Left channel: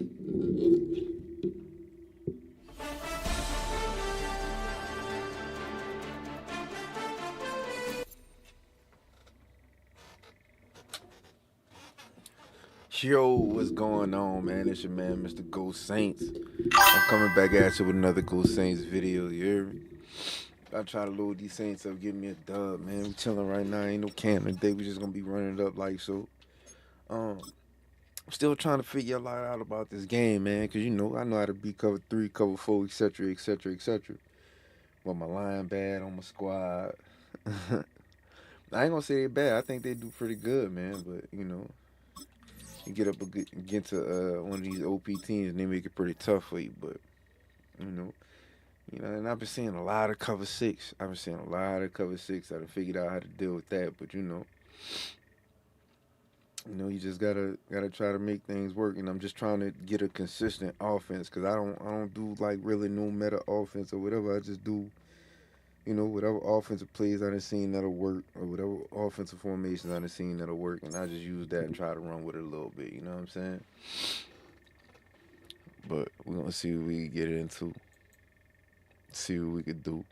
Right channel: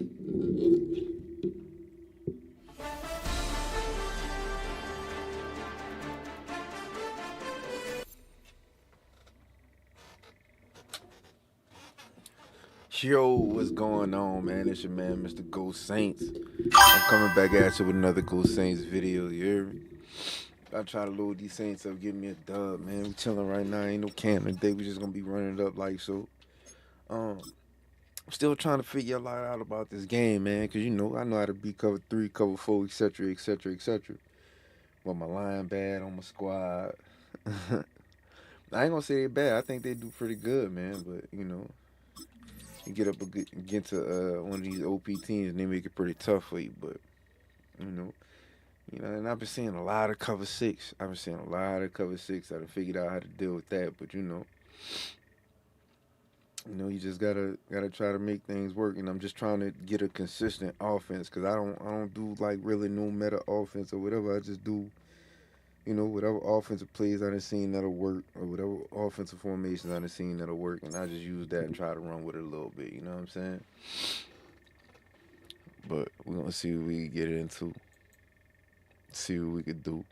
Yo, what's going on, man? It's your man, Mr. Ghost Saints. I'm coming back at you with another Ghost Saints video. You hear me? I try to load these Saints up, give me a dub, man. We chilling right now. Ain't no camp today. We just gonna be running it up like so. Um, I'm still trying to figure a lot out about this game, man. Cause I know how to beat cover three, cover four, etc., etc., etc. But my line bad on my squad. I ain't gonna say they bad. I think they do pretty good, man. But you get up against one of these OP teams and they make it pretty tough for you. But you know, and I've been seeing a lot of cover six. I've been seeing a lot of cover six. I've figured out how to deal with that. But you just gotta try to make things work. And I'm just trying to get a consistent offense because I don't do like really no meta offense or whatever. I just do whatever offensive plays I done seen that'll work, or whatever offensive formations I done seen that'll work, and I just use that and try to run with it a little bit. You know what I'm saying? But we're gonna see what we can get it into. See what we could do.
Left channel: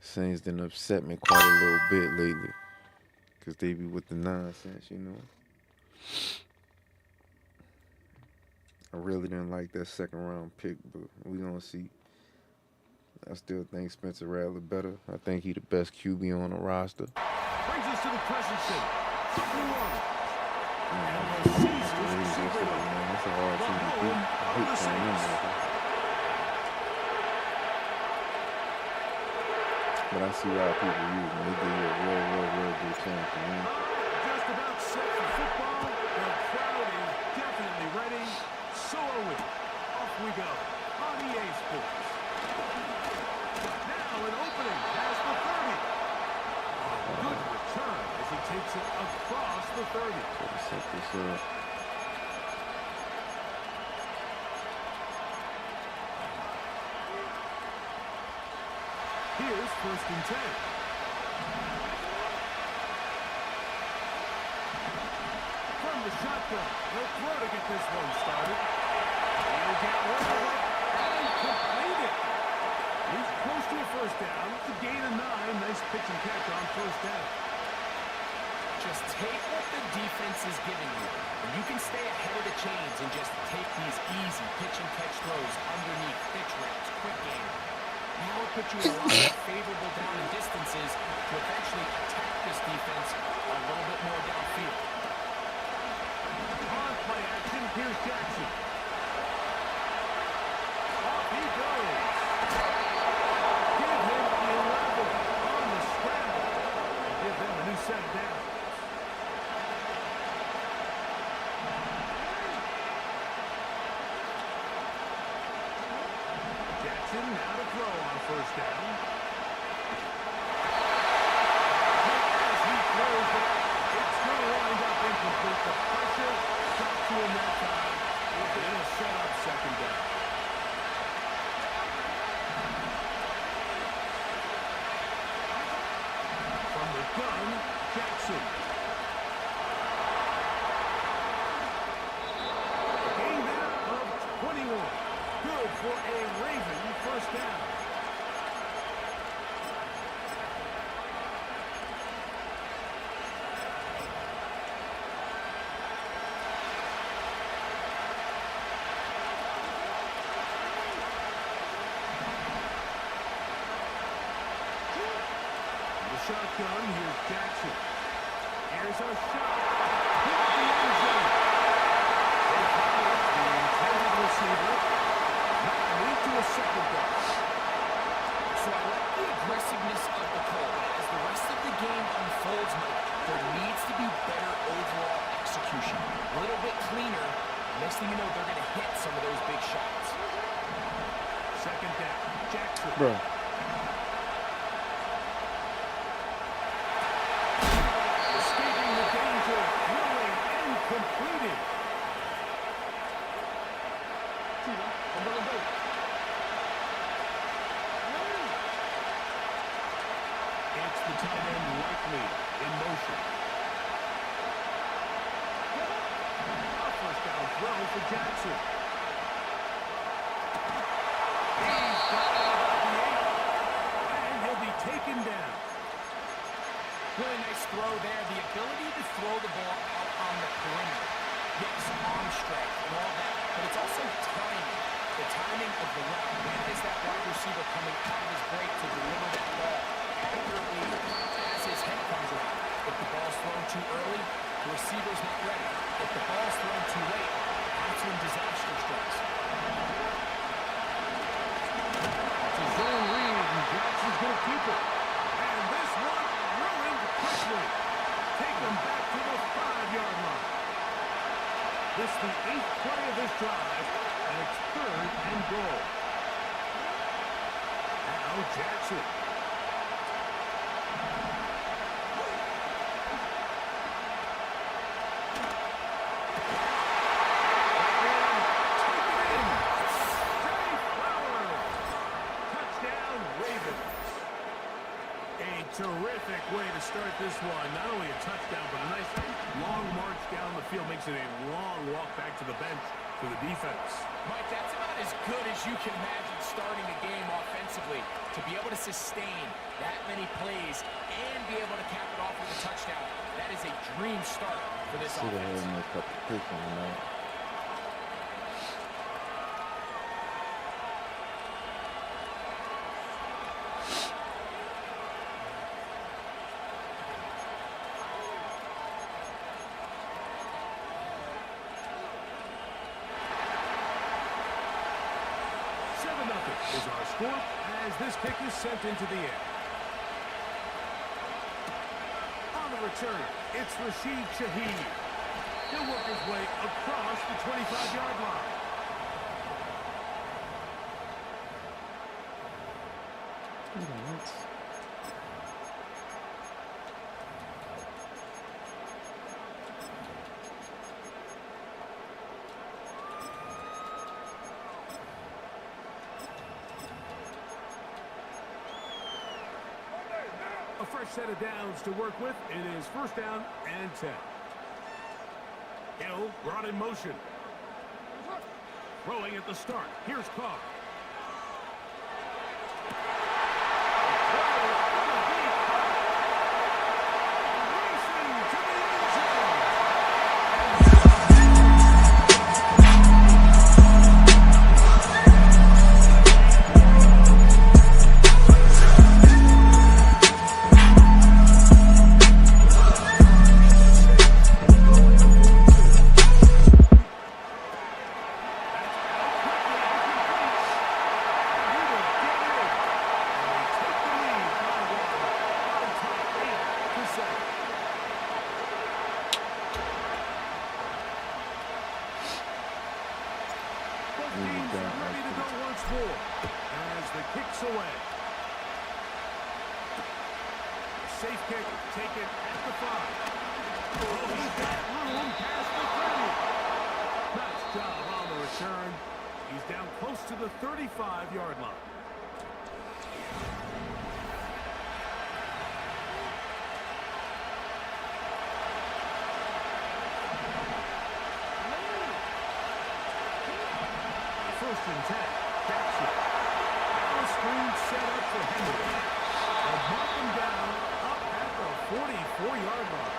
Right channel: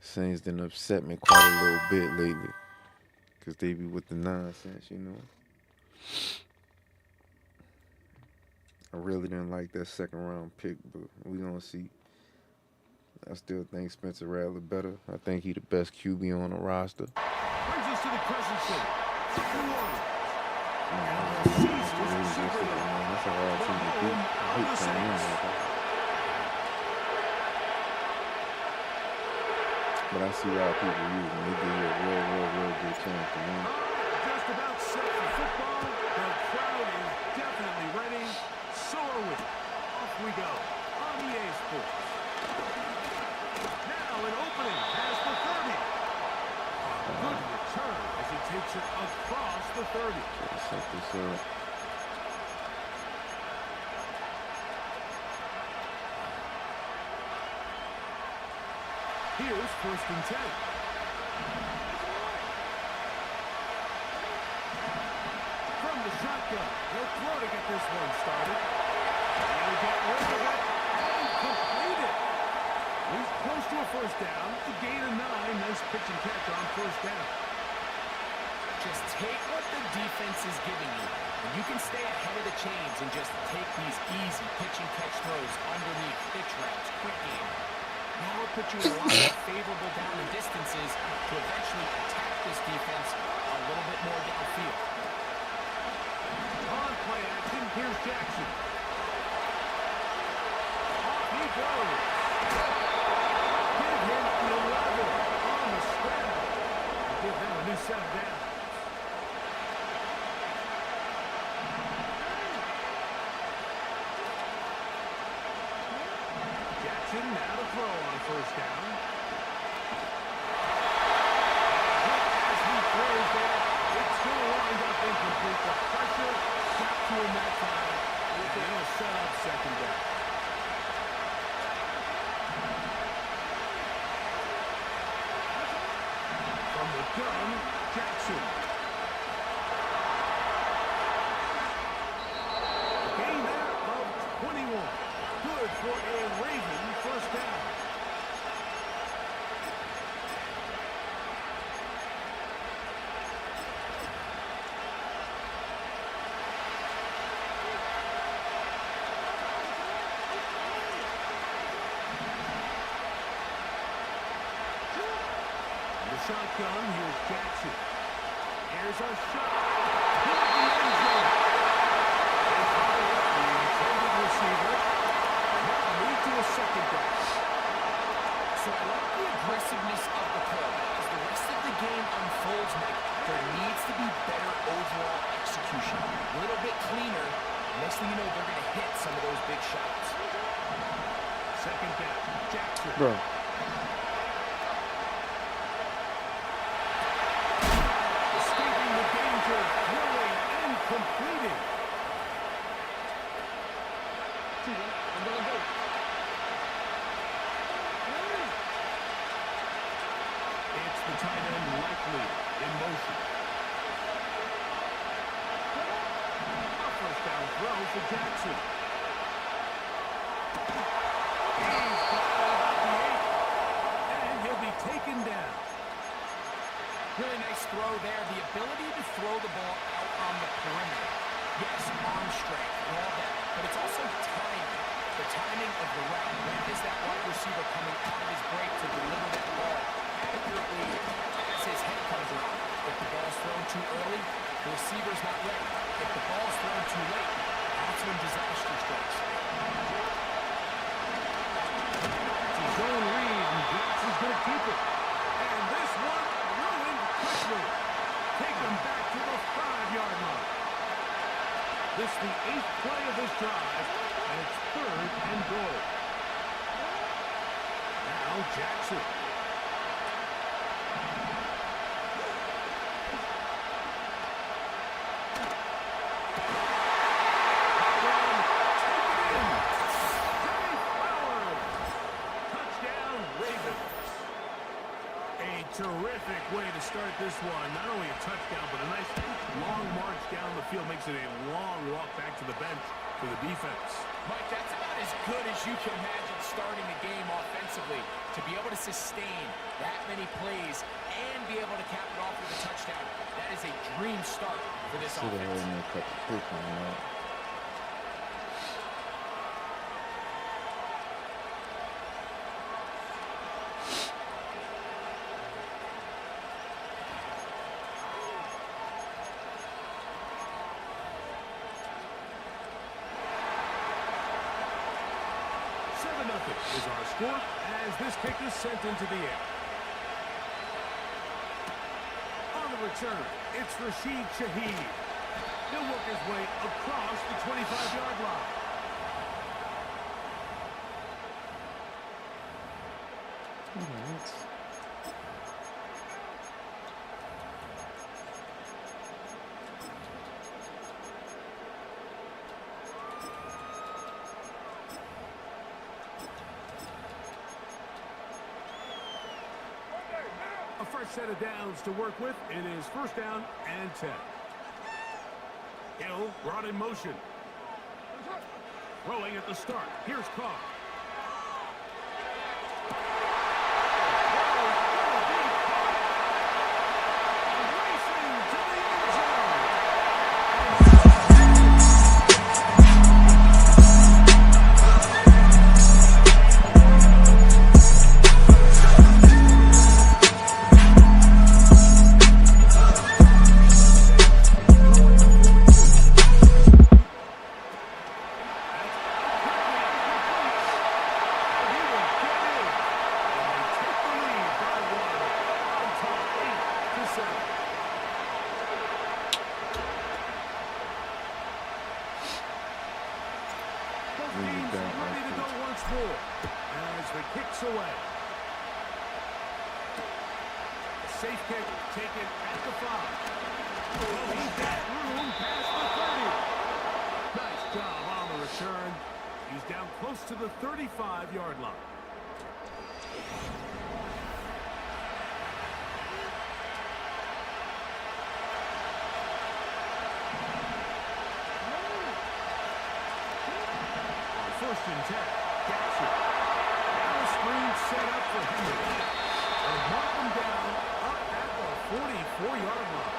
Saints done upset me quite a little bit lately, cause they be with the nonsense. I really didn't like that second round pick, but we gonna see. I still think Spencer Rattler better. I think he the best QB on the roster. Brings us to the present city. New Orleans. That's a hard team to beat. I hate playing them. But I see why people use them. They give you a real good chance to win. Just about set for football. The crowd is definitely ready. So are we. Off we go on EA Sports. Now an opening past the 30. A good return as he takes it across the 30. So to set this up. Here's 1st and 10. From the shotgun, he'll throw to get this one started. He'll get rid of it and complete it. He's close to a first down. To gain a 9. Nice pitch and catch on 1st down. Just take what the defense is giving you, and you can stay ahead of the chains and just take these easy pitch and catch throws underneath, pitch routes, quick game. Now it puts you in a lot more favorable down and distances to eventually attack this defense a little bit more downfield. On play action, here's Jackson. Off he goes. Give him 11 on the scramble. And give them a new set of downs. Jackson now to throw on 1st down. Hit as he throws there. It's going to wind up incomplete. The pressure got to him that time. And it'll set up 2nd down. From the gun, Jackson. A gain there of 21. Good for a Raven 1st down. The shotgun, here's Jackson. Here's a shot toward the end zone. They follow the intended receiver. That lead to a 2nd down. So I like the aggressiveness of the call, but as the rest of the game unfolds, Mike, there needs to be better overall execution. A little bit cleaner. Next thing you know, they're going to hit some of those big shots. 2nd down. Jackson. Bro. Escaping the danger, throwing and completing. It's the tight end likely in motion. A 1st throw for Jackson. He's got it at about the 8. And he'll be taken down. Really nice throw there. The ability to throw the ball out on the perimeter. Yes, arm strength and all that, but it's also timing. The timing of the route. When is that wide receiver coming out of his break to deliver that ball accurately as his head comes around? If the ball's thrown too early, the receiver's not ready. If the ball's thrown too late, that's when disaster strikes. It's a zone read, and Jackson's going to keep it. And this one ruined quickly. Take them back to the 5-yard line. This is the 8th play of this drive, and it's 3rd and goal. Now Jackson. Terrific way to start this one. Not only a touchdown, but a nice long march down the field. Makes it a long walk back to the bench for the defense. Mike, that's about as good as you can imagine starting a game offensively. To be able to sustain that many plays and be able to cap it off with a touchdown, that is a dream start for this offense. Nothing is our score as this kick is sent into the air. On the return, it's Rashid Shaheed. He'll work his way across the 25-yard line. A fresh set of downs to work with. It is 1st down and 10. Hill brought in motion. Throwing at the start. Here's Carr. Teams ready to go once more as the kick's away. A safe kick taken at the 5. Oh, he's got room past the 30. Nice job on the return. He's down close to the 35-yard line. First and 10. Jackson. Now a screen set up for Henry. They'll mark him down up at the 44-yard line.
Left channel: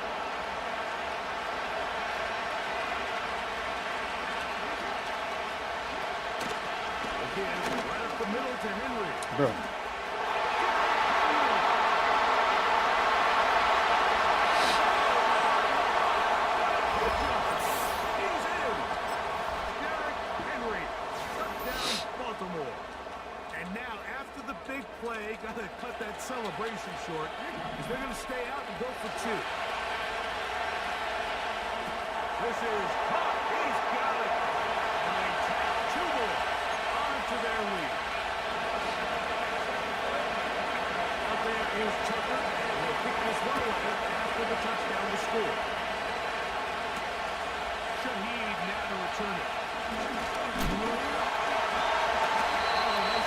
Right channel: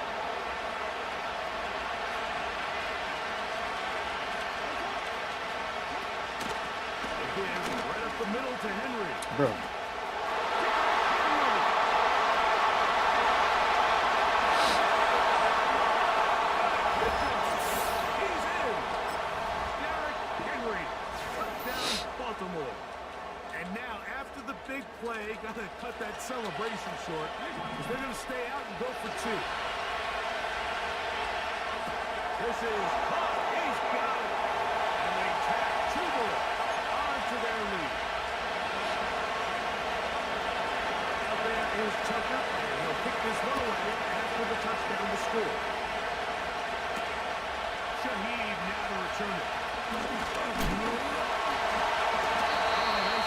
Again, right up the middle to Henry. Bro. And now, after the big play, got to cut that celebration short because they're going to stay out and go for 2. This is caught. He's got it. And they tack 2 more onto their lead. Out there is Tucker, and he'll kick this one away after the touchdown to score. Shaheed now to return it.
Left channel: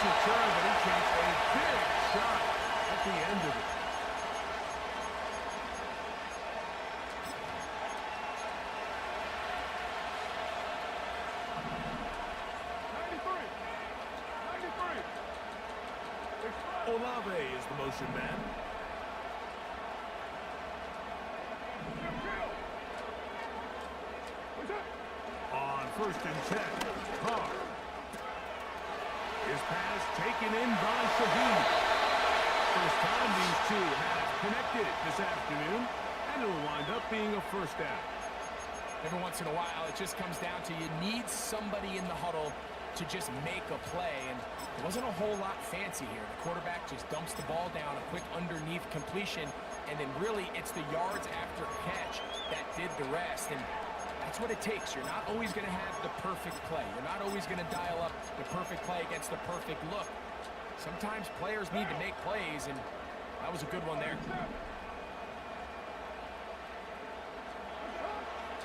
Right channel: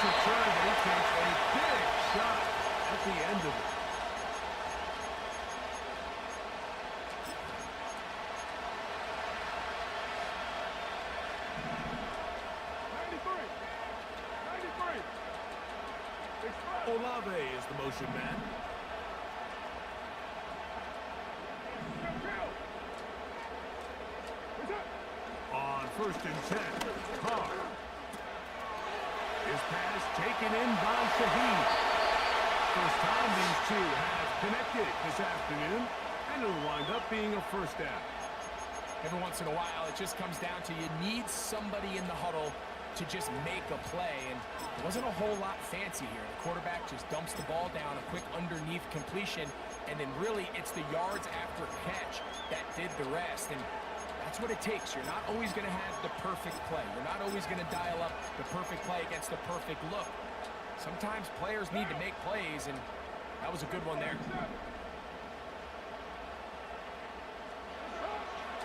Return, but he takes a big shot at the end of it. Olave is the motion man. On 1st and 10, Carr. His pass taken in by Shaheed. First time these two have connected this afternoon, and it'll wind up being a first down. Every once in a while, it just comes down to you need somebody in the huddle to just make a play, and there wasn't a whole lot fancy here. The quarterback just dumps the ball down, a quick underneath completion, and then really it's the yards after catch that did the rest, and that's what it takes. You're not always going to have the perfect play. You're not always going to dial up the perfect play against the perfect look. Sometimes players need to make plays, and that was a good one there.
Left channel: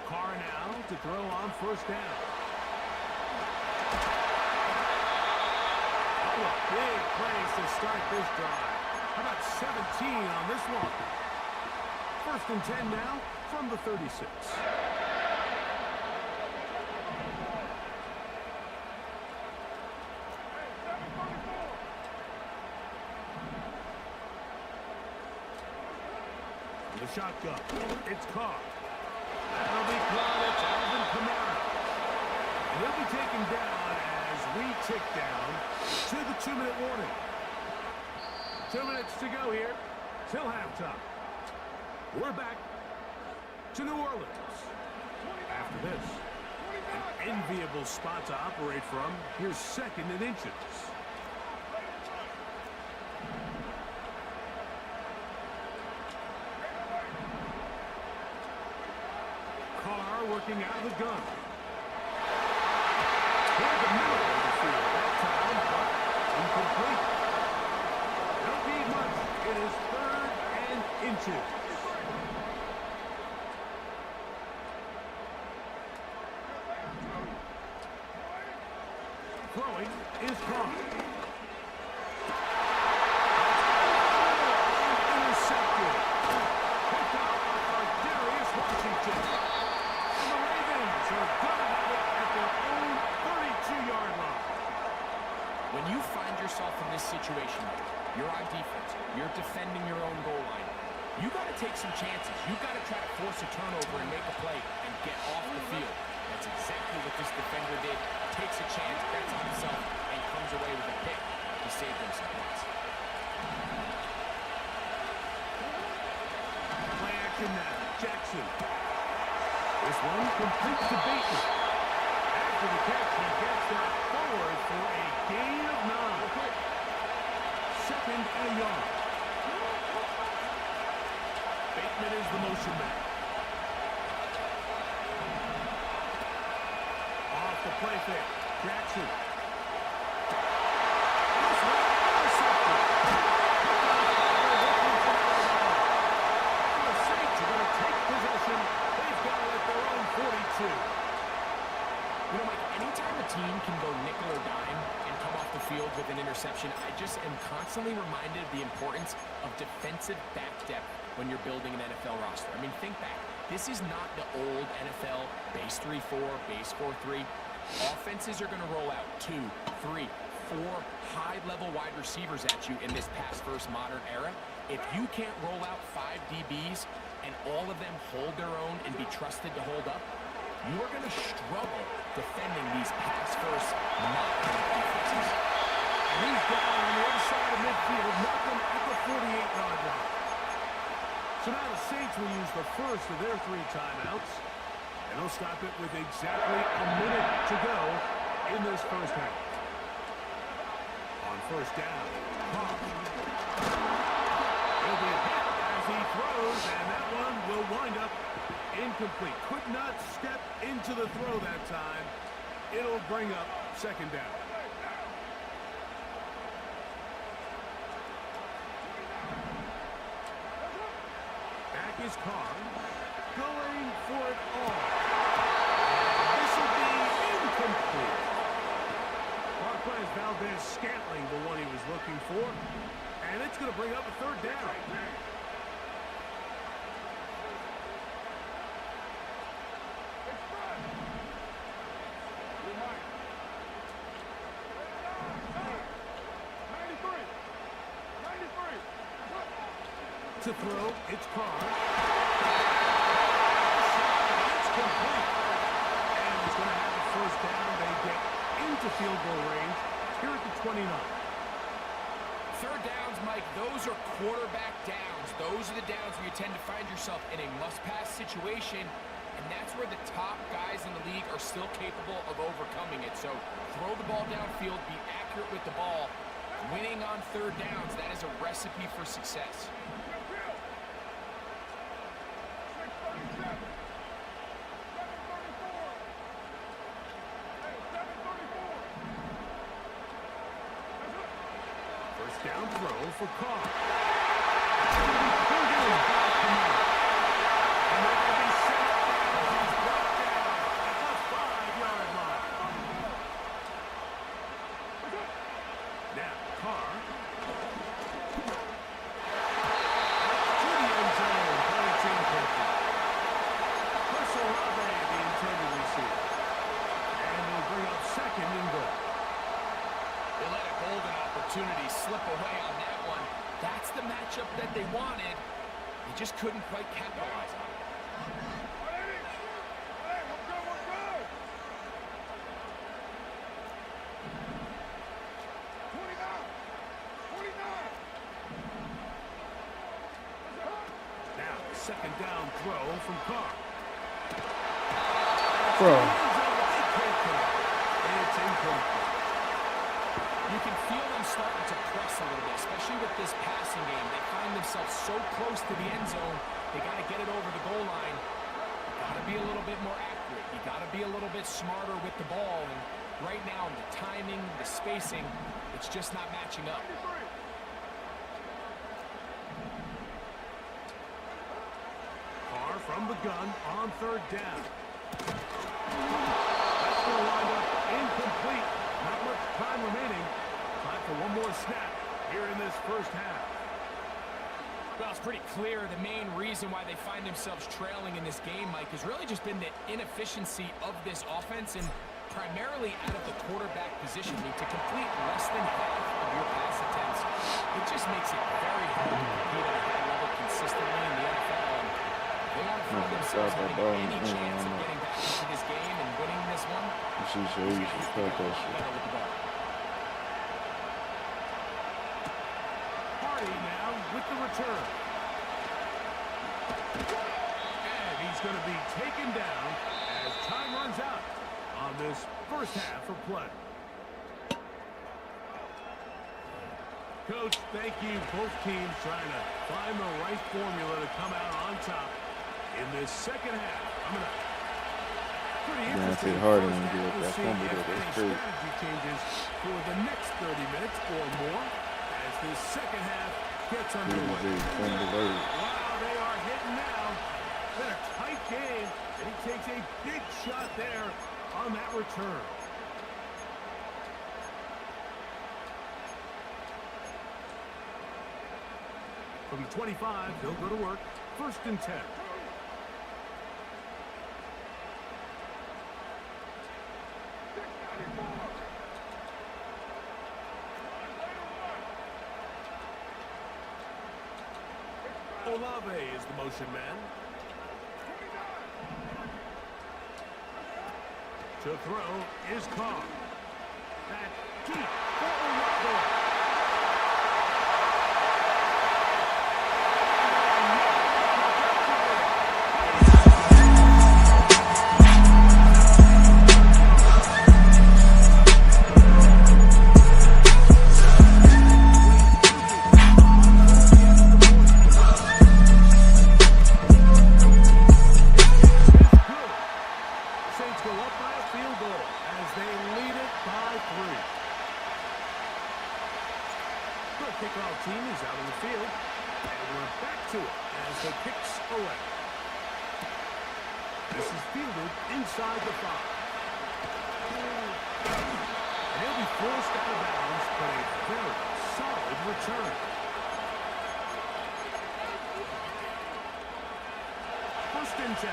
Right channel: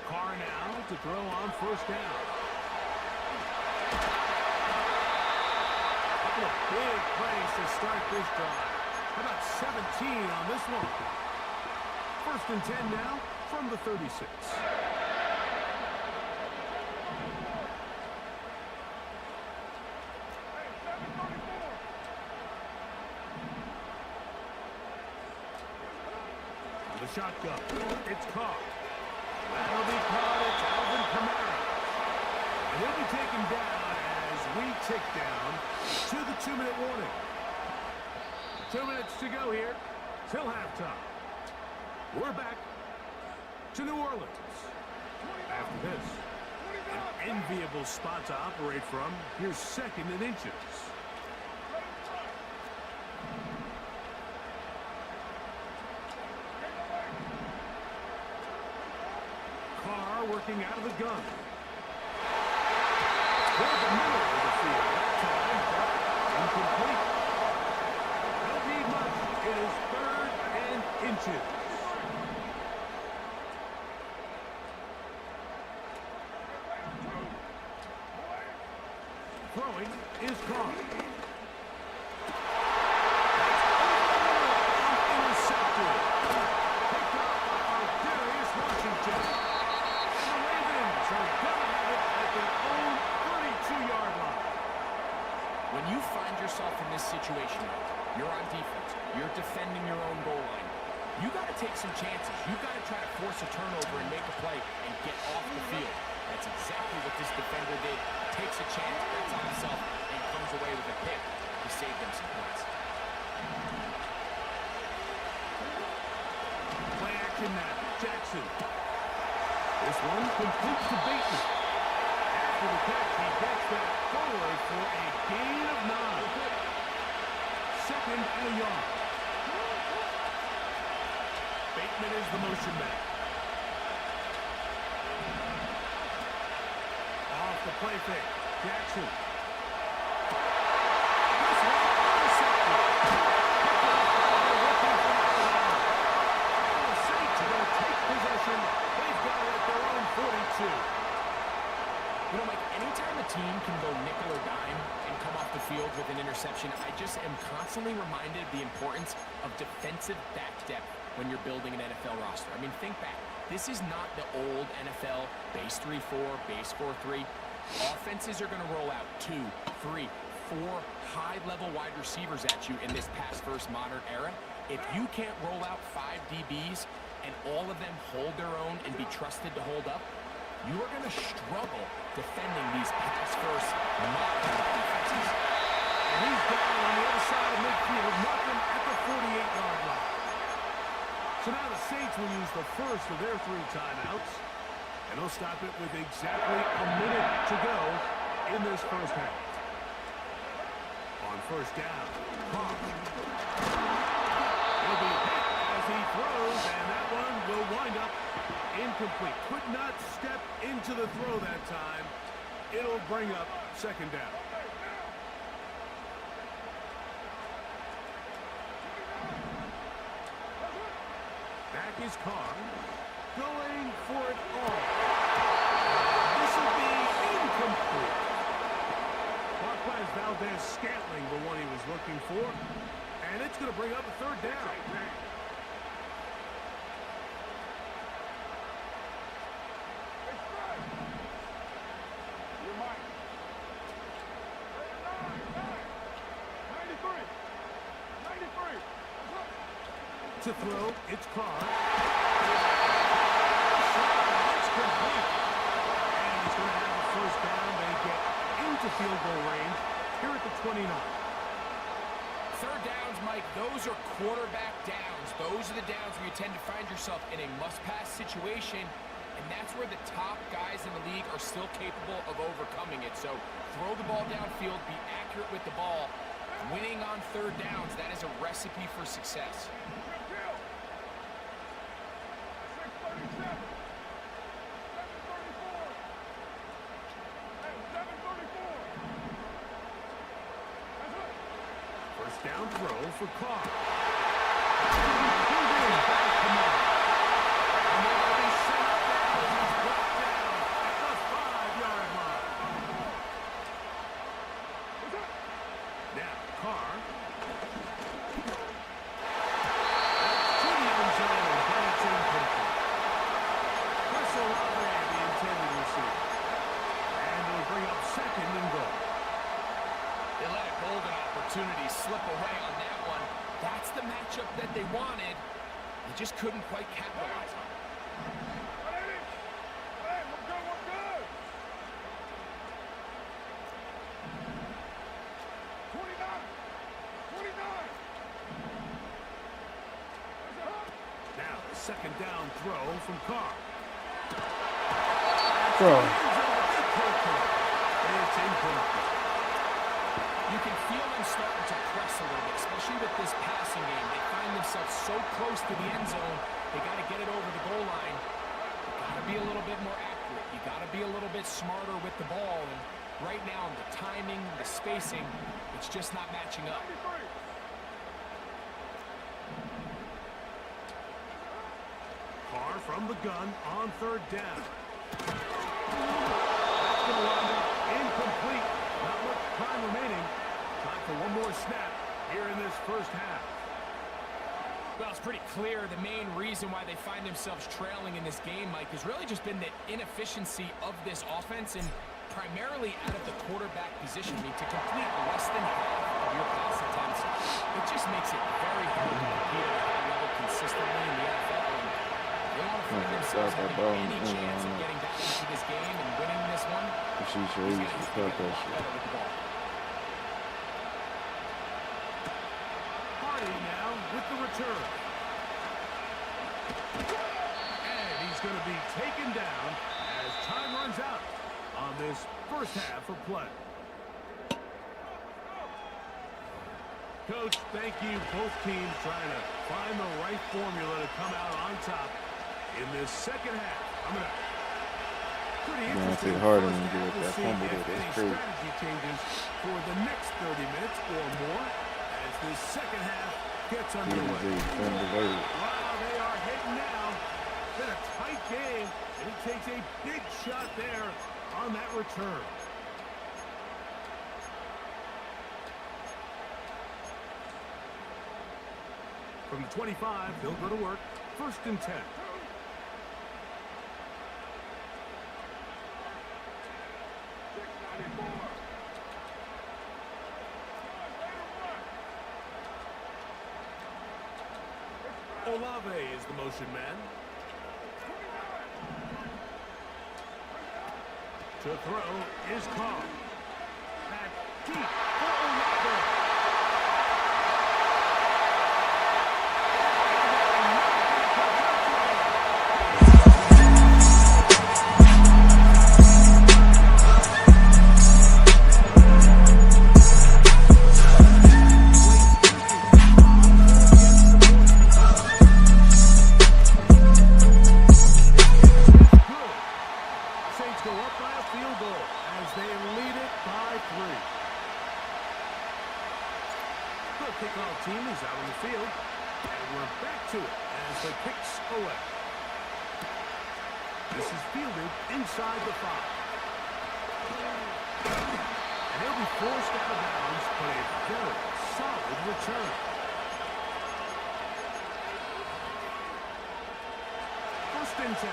Carr now to throw on 1st down. Couple of big plays to start this drive. How about 17 on this one? 1st and 10 now from the 36. The shotgun. It's Carr. That'll be caught. It's Alvin Kamara. And he'll be taken down as we tick down to the 2-minute warning. 2 minutes to go here till halftime. We're back to New Orleans. After this, an enviable spot to operate from. Here's 2nd and inches. Carr working out of the gun. Toward the middle of the field that time, but incomplete. Don't need much. It is 3rd and inches. Throwing is Carr. Intercepted. Picked up by Darius Washington. And the Ravens are gonna have it at their own 32-yard line. When you find yourself in this situation, you're on defense, you're defending your own goal line, you got to take some chances. You got to try to force a turnover and make a play and get off the field. That's exactly what this defender did. Takes a chance, bets on himself, and comes away with a pick to save them some points. Play action now. Jackson. This one complete to Bateman. After the catch, he gets that forward for a gain of 9. 2nd and a yard. Bateman is the motion man. Off the play fake. Jackson. This one intercepted. Picked off by the rookie from Alabama. And the Saints are going to take possession. They've got it at their own 42. You know, Mike, anytime a team can go nickel or dime and come off the field with an interception, I just am constantly reminded of the importance of defensive back depth when you're building an NFL roster. I mean, think back. This is not the old NFL base 3-4, base 4-3. Offenses are going to roll out 2, 3, 4 high-level wide receivers at you in this pass-first modern era. If you can't roll out 5 DBs and all of them hold their own and be trusted to hold up, you are going to struggle defending these pass-first modern defenses. And he's down on the other side of midfield, mark him at the 48-yard line. So now the Saints will use the first of their 3 timeouts, and they'll stop it with exactly a minute to go in this first half. On 1st down, Carr. He'll be hit as he throws, and that one will wind up incomplete. Could not step into the throw that time. It'll bring up 2nd down. Back is Carr, going for it all. And this will be incomplete. Marquez Valdez-Scantling, the one he was looking for. And it's going to bring up a 3rd down. To throw, it's Carr. It's complete. And he's going to have the first down. They get into field goal range here at the 29. Third downs, Mike, those are quarterback downs. Those are the downs where you tend to find yourself in a must-pass situation, and that's where the top guys in the league are still capable of overcoming it. So throw the ball downfield, be accurate with the ball. Winning on third downs, that is a recipe for success. 6:37. 7:34. Hey, 7:34. That's it. First down throw for Carr. And they're going to be set up now as he's brought down at the 5-yard line. Now, Carr. To the end zone, but it's incomplete. Olave, the intended receiver. And they'll bring up second and goal. They let a golden opportunity slip away on that one. That's the matchup that they wanted. They just couldn't quite capitalize on it. 29. Now, second down throw from Carr. Bro. It's incomplete. You can feel them starting to press a little bit, especially with this passing game. They find themselves so close to the end zone, they got to get it over the goal line. You got to be a little bit more accurate. You got to be a little bit smarter with the ball. And right now, the timing, the spacing, it's just not matching up. Carr from the gun on third down. That's going to wind up incomplete. Not much time remaining. Time for one more snap here in this first half. Well, it's pretty clear the main reason why they find themselves trailing in this game, Mike, has really just been the inefficiency of this offense and primarily out of the quarterback position. I mean, to complete less than half of your pass attempts, it just makes it very hard to compete at a high level consistently in the NFL. And if they want to find themselves having any chance of getting back into this game and winning this one, She's he's going to have to get a lot better with the ball. Hardy now with the return. And he's going to be taken down as time runs out on this first half of play. Coach, thank you. Both teams trying to find the right formula to come out on top in this second half. Coming up. Pretty interesting. Harder First when you half. get We'll that see fumble if there. That's any crazy. strategy changes for the next 30 minutes or more as this second half gets underway. Wow, they are hitting now. Been a tight game, and he takes a big shot there on that return. From the 25, they'll go to work. First and 10. Olave is the motion man. To throw is Carr. That deep for Olave. Kickoff team is out on the field, and we're back to it as the kicks away. This is fielded inside the 5. And he'll be forced out of bounds, but a very solid return. First and 10.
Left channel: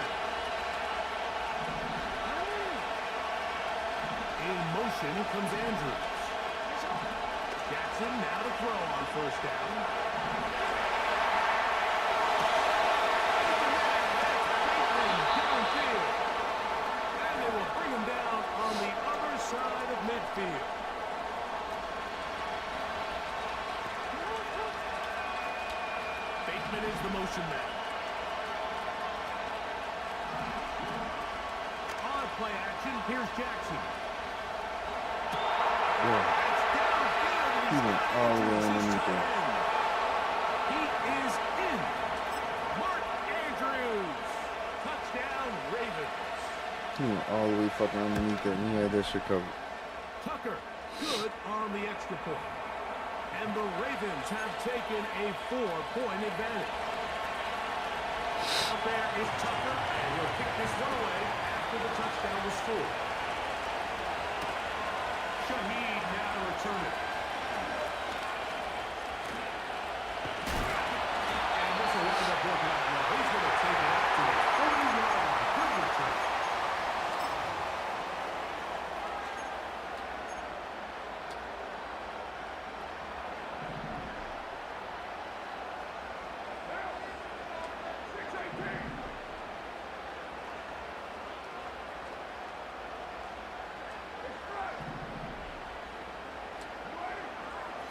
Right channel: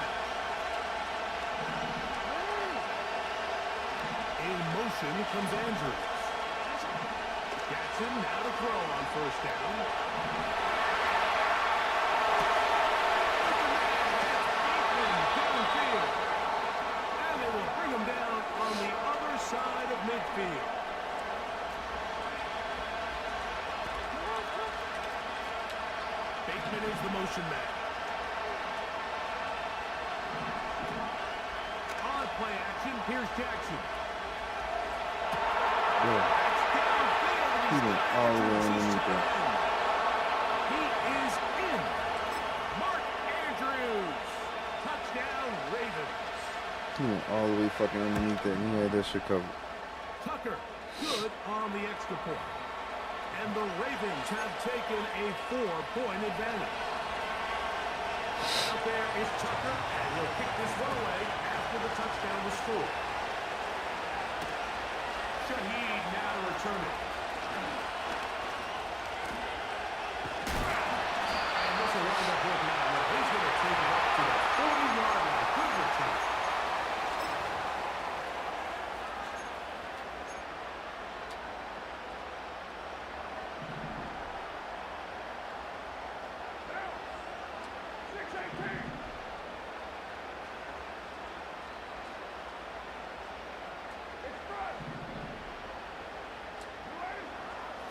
In motion comes Andrews. Jackson now to throw on first down. Lineman is the motion man. On play action, here's Jackson. Yeah. That's downfield, and He went got all the way Andrews. He's underneath tight it. end. He is in. Mark Andrews. Touchdown, Ravens. He went all the way fucking underneath it, and he had that shit covered. Tucker, good on the extra point. And the Ravens have taken a 4-point advantage. Out there is Tucker, and he'll kick this one away after the touchdown was scored. Shaheed now to return it. And this will wind up working out well. He's going to take it up to the 40-yard line. Good return.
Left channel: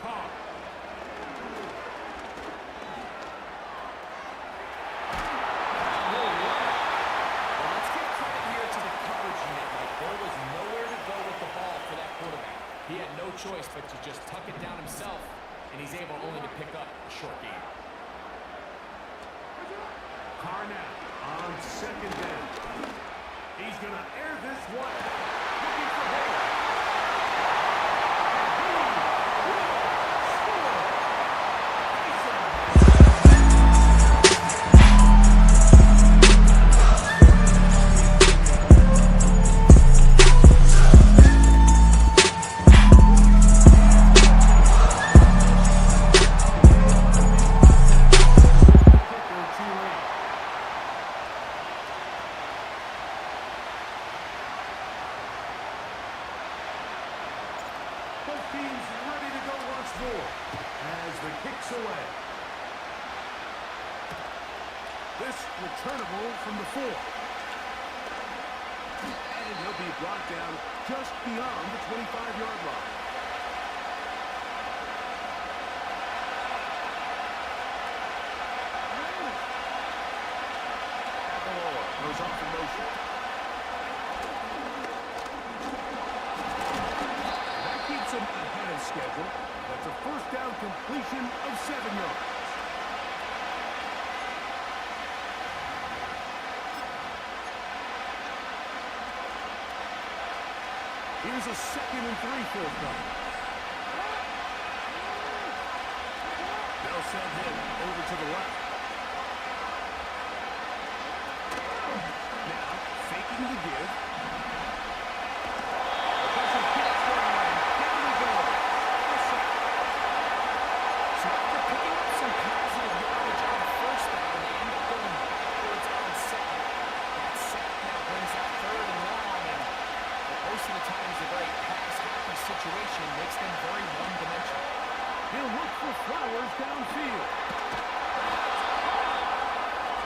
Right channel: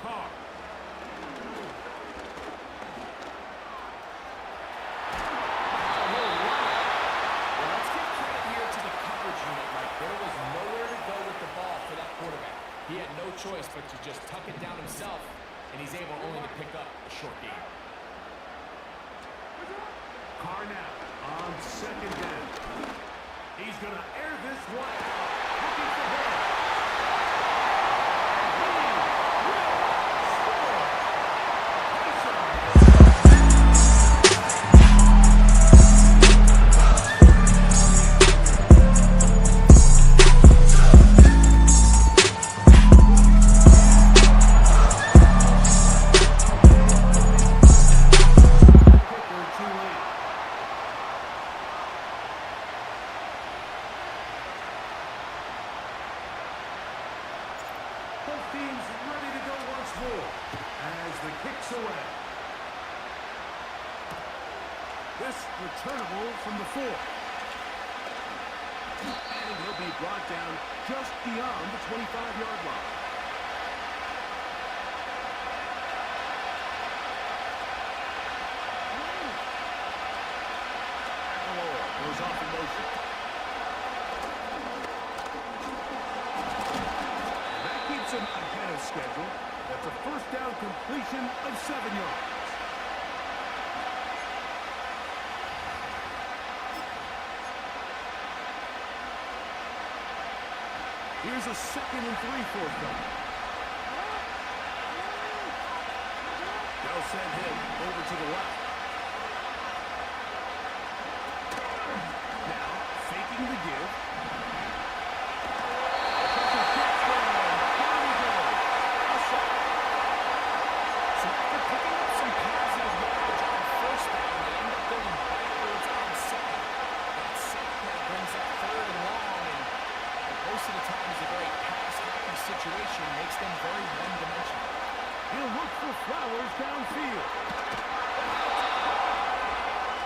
Carr. Well, let's give credit here to the coverage unit. Like, there was nowhere to go with the ball for that quarterback. He had no choice but to just tuck it down himself, and he's able only to pick up a short gain. Carr now on second down. He's going to air this one out. Looking for Hill. And he will score. Taysom Hill. Kicker too late. Both teams ready to go once more as the kick's away. This returnable from the 4. And he'll be brought down just beyond the 25-yard line. Aguilar goes off in motion. That keeps him ahead of schedule. That's a first down completion of 7 yards. Here's a 2nd and 3 forthcoming. They'll send him over to the left. Now, faking the give. The pressure gets there, and down he goes. A sack. So after picking up some positive yardage on first down, they end up going backwards on second. That sack now brings up 3rd and long, and most of the times a very pass-happy situation makes them very one-dimensional. He'll look for Flowers downfield. That's caught.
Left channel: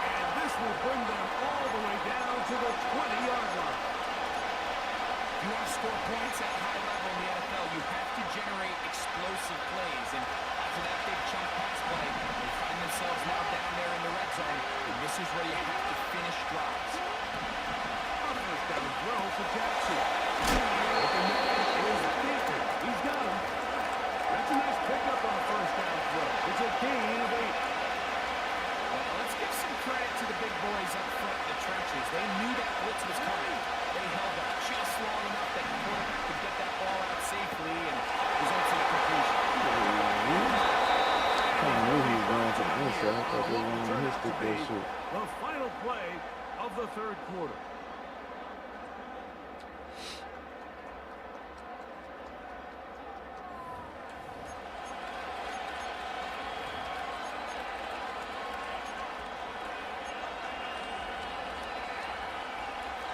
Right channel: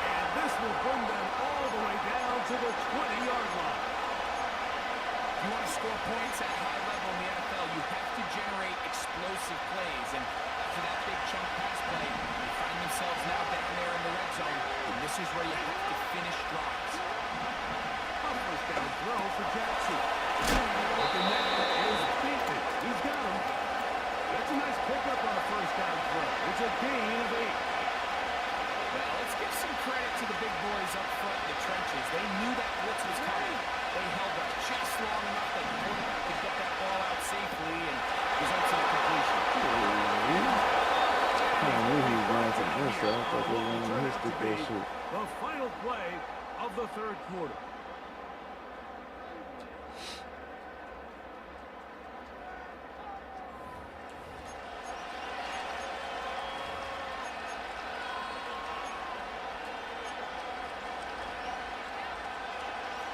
And this will bring them all the way down to the 20-yard line. If you want to score points at a high level in the NFL, you have to generate explosive plays. And after that big chunk pass play, they find themselves now down there in the red zone. And this is where you have to finish drives. A first down throw for Jackson. Open man is Bateman. He's got him. That's a nice pickup on a first down throw. It's a gain of 8. Well, let's give some credit to the big boys up front in the trenches. They knew that blitz was coming. They held up just long enough that the quarterback could get that ball out safely and results in a completion. I knew he was going to the inside. I thought they were going to hit that shit. The final play of the 3rd quarter.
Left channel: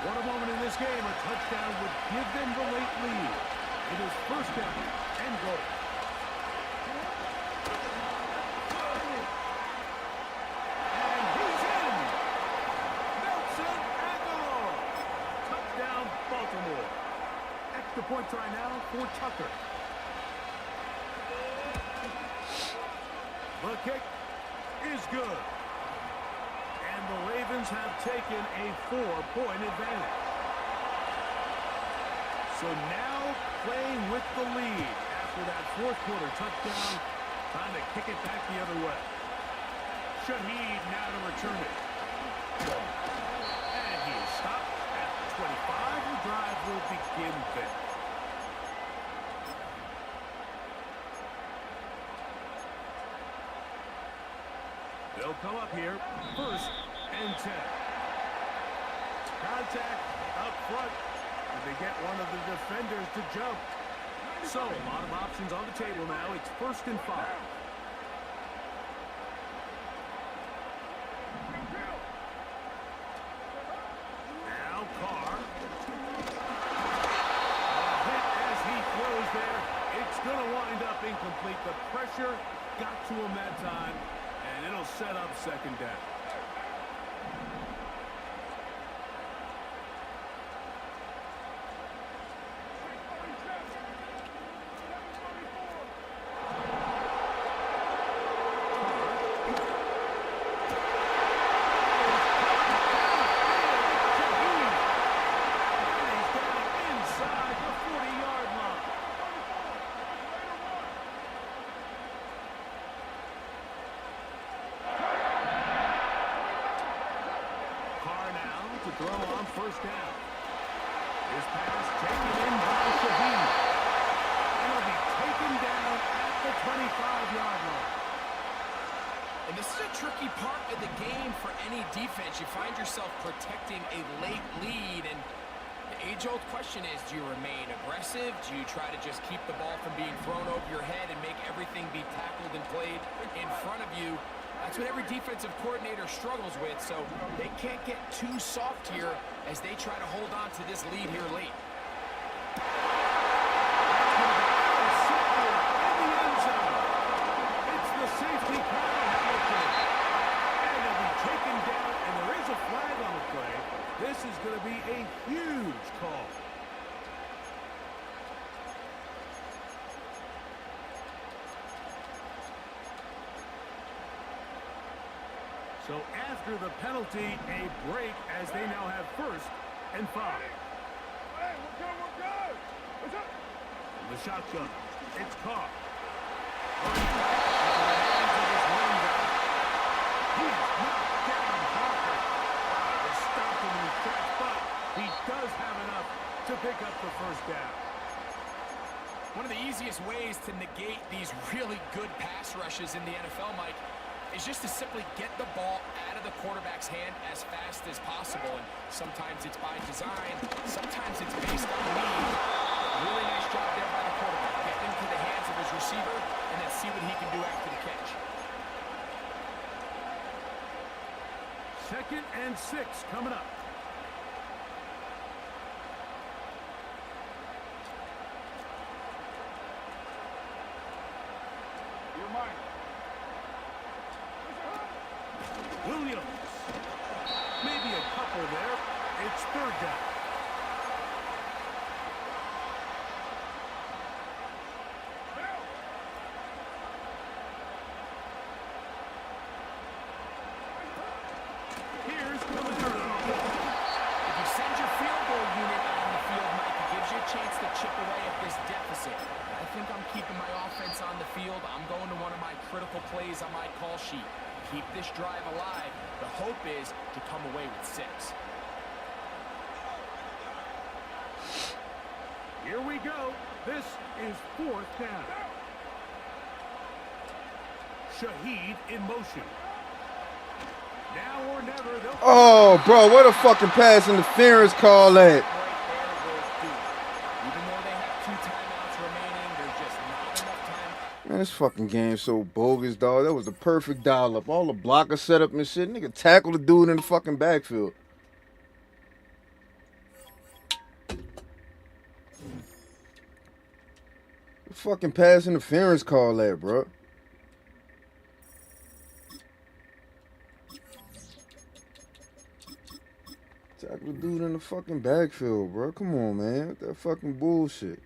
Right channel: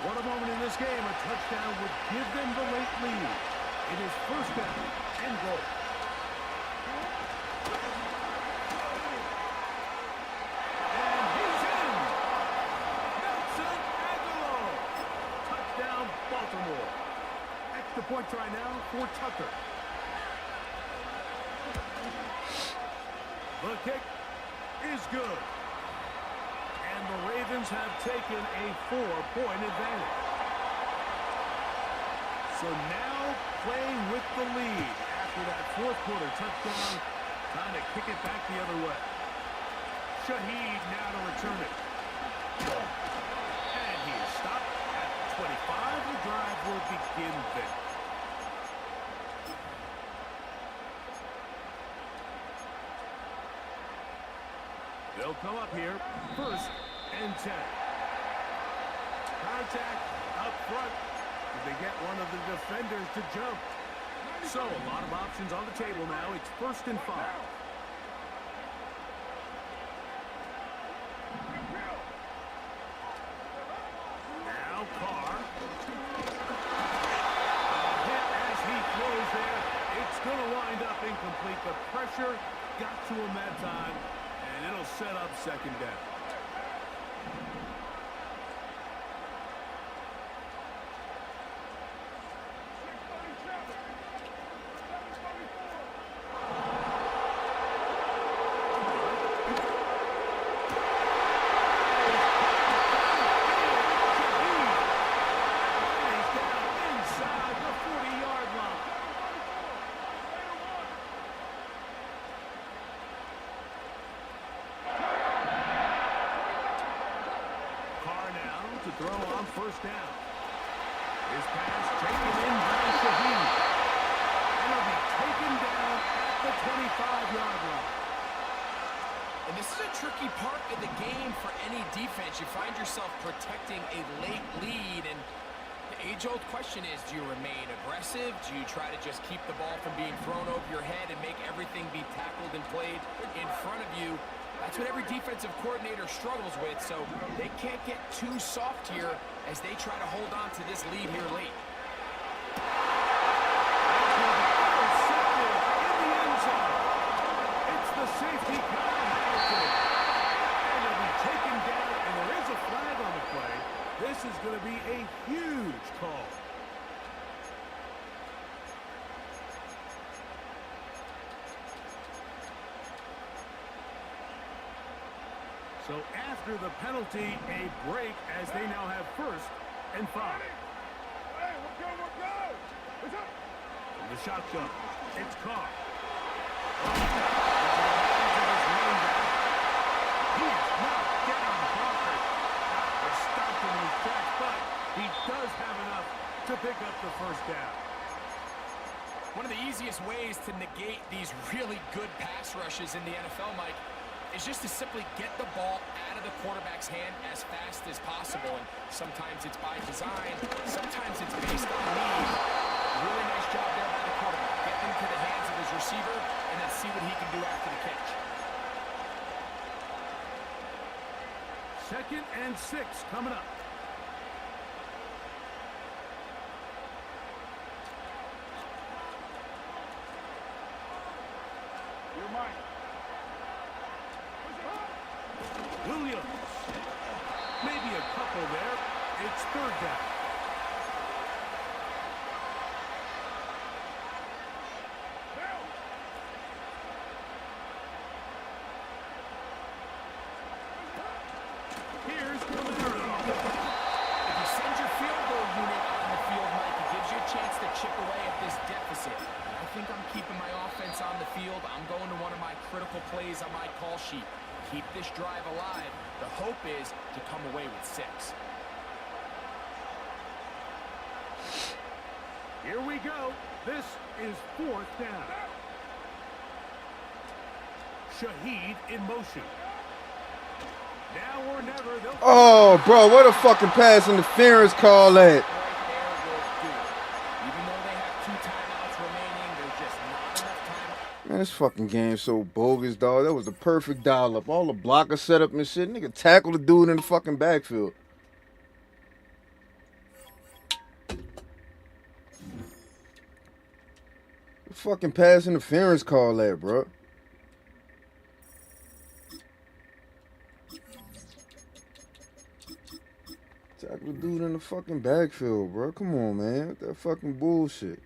What a moment in this game. A touchdown would give them the late lead. It is first down and goal. And he's in. Nelson Aguilar. Touchdown, Baltimore. Extra point try now for Tucker. The kick is good. And the Ravens have taken a 4-point advantage. So now playing with the lead after that fourth quarter touchdown, trying to kick it back the other way. Shaheed now to return it. And he is stopped at the 25. The drive will begin there. They'll come up here, 1st and 10. Contact up front. Did they get one of the defenders to jump? So a lot of options on the table now. It's 1st and 5. Now Carr. A hit as he throws there. It's going to wind up incomplete. The pressure got to him that time, and it'll set up 2nd down. To throw on 1st down. His pass taken in by Shaheed. And he'll be taken down at the 25-yard line. And this is a tricky part of the game for any defense. You find yourself protecting a late lead, and the age-old question is, do you remain aggressive? Do you try to just keep the ball from being thrown over your head and make everything be tackled and played in front of you? That's what every defensive coordinator struggles with, so they can't get too soft here as they try to hold on to this lead here late. That's going to be intercepted in the end zone. It's the safety, Kyle Hamilton. And he'll be taken down, and there is a flag on the play. This is going to be a huge call. So after the penalty, a break as they now have 1st and 5. Hey, we're good. What's up? From the shotgun, it's Carr. Into the hands of his running back. He is not getting conquered. They're stopped him in his tracks, but he does have enough to pick up the 1st down. One of the easiest ways to negate these really good pass rushes in the NFL, Mike, is just to simply get the ball out of the quarterback's hand as fast as possible. And sometimes it's by design, sometimes it's based on need. Really nice job there by the quarterback. Get into the hands of his receiver and then see what he can do after the catch. 2nd and 6 coming up. You're mine. Williams. Maybe a couple there. It's 3rd down. Here's Camaro. If you send your field goal unit on the field, Mike, it gives you a chance to chip away at this deficit. But I think I'm keeping my offense on the field. I'm going to one of my critical plays on my call sheet. Keep this drive alive. The hope is to come away with 6. Here we go. This is 4th down. Shaheed in motion. Now or never, they'll... Oh, bro, what a fucking pass interference call at? Right there will do it. Even though they have 2 timeouts remaining, there's just not enough time. Man, this fucking game's so bogus, dog. That was the perfect dial up. All the blocker setup and shit. Nigga tackle the dude in the fucking backfield. What fucking pass interference call at, bro? Tackle the dude in the fucking backfield, bro. Come on, man. What that fucking bullshit.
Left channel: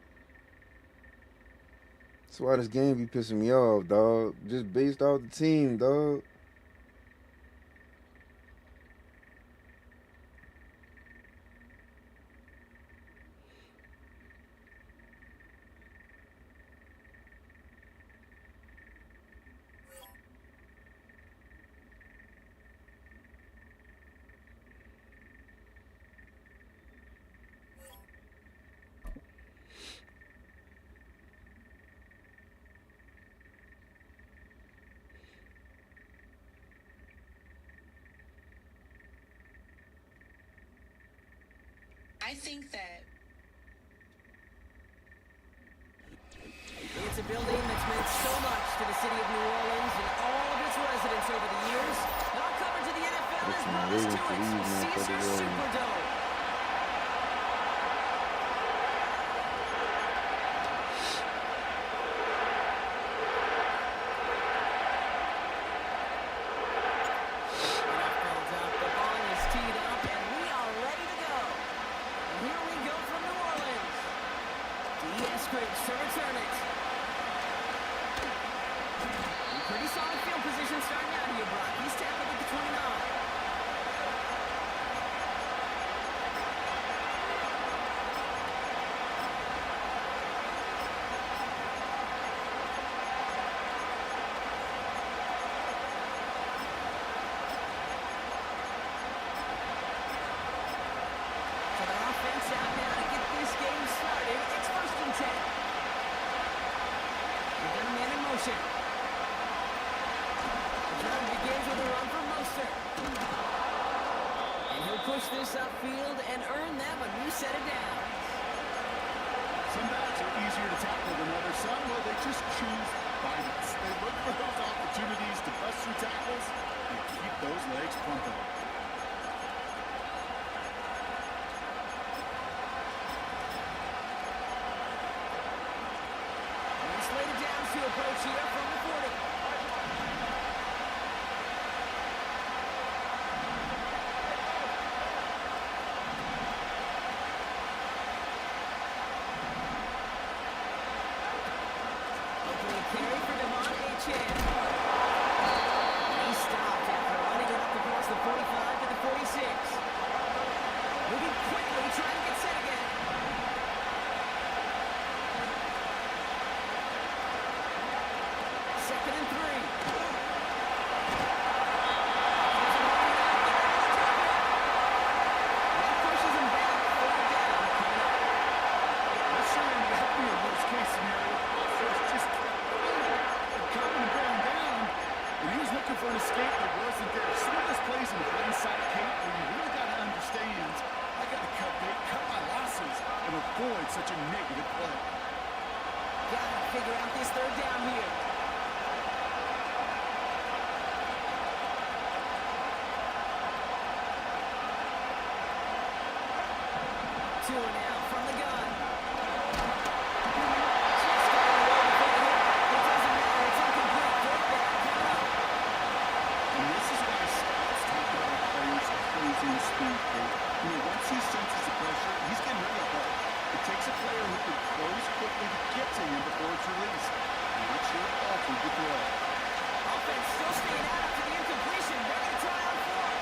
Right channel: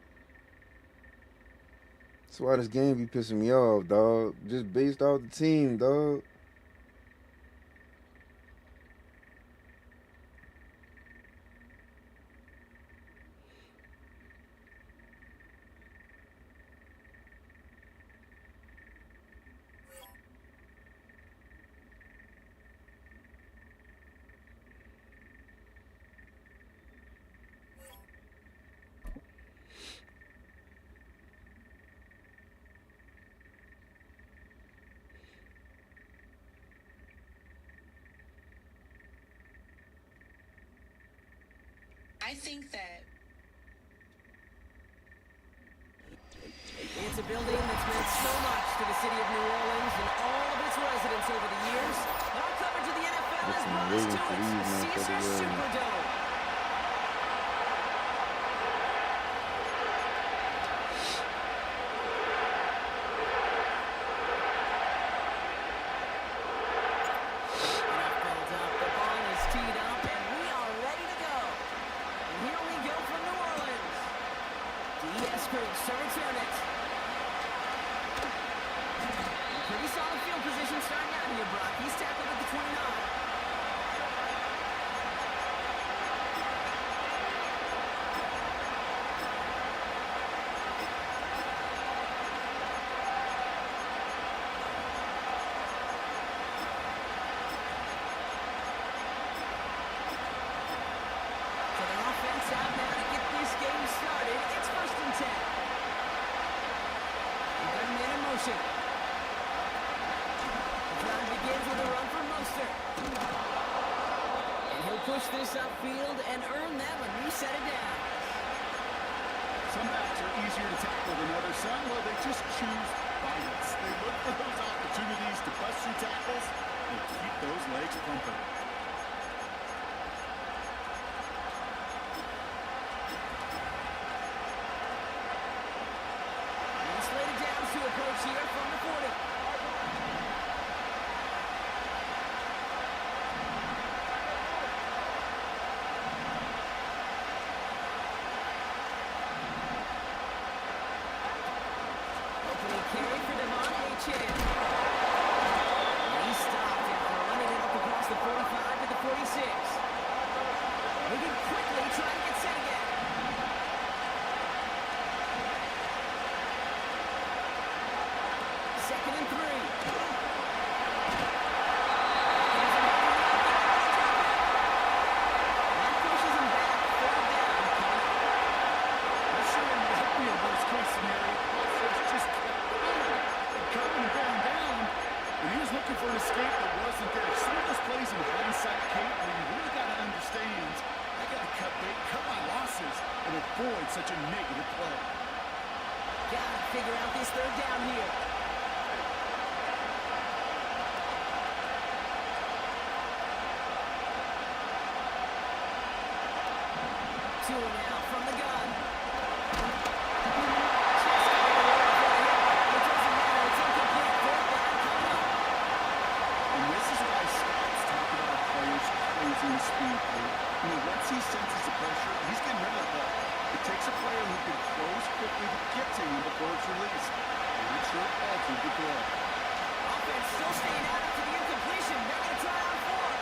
That's why this game be pissing me off, dog. Just based off the team, dog. I think that It's a building that's meant so much to the city of New Orleans and all of its residents over the years. And our coverage of the NFL has brought us to it, Caesars Superdome. Enough build up, the ball is teed up, and we are ready to go. And here we go from New Orleans. D.S. Griggs to return it. Pretty solid field position starting out here, Brock. He's tackled at the 29. So their offense out now to get this game started. It's 1st and 10. We've got a man in motion. Drive begins with a run for Mostert. And he'll push this upfield and earn them a new set of downs. Some backs are easier to tackle than others. Some, well, they just choose violence. They look for those opportunities to bust through tackles and keep those legs pumping. Slated downs to approach here from the 40. Opening carry for Devon Achane. And he stopped after running it up across the 45 to the 46. Moving quickly, trying to get set again. Second and 3. That pushes him back. 3rd down coming up. This sure ended up being a worst-case scenario. Offense just kept coming and bearing down, and he was looking for an escape that wasn't there. Some of those plays in hindsight, Kate, where you really got to understand, I got to cut bait, cut my losses, and avoid such a negative play. Got to figure out this 3rd down here. 2 now from the gun. Just got it away before the hit. It doesn't matter. It's incomplete. 4th down coming up. And this is why scouts talk about a player's closing speed, Kate. You know, once he senses the pressure, he's getting rid of that ball. It takes a player who can close quickly to get to him before it's released. And that sure altered the throw. Offense still staying out after the incompletion. They're going to try on 4th.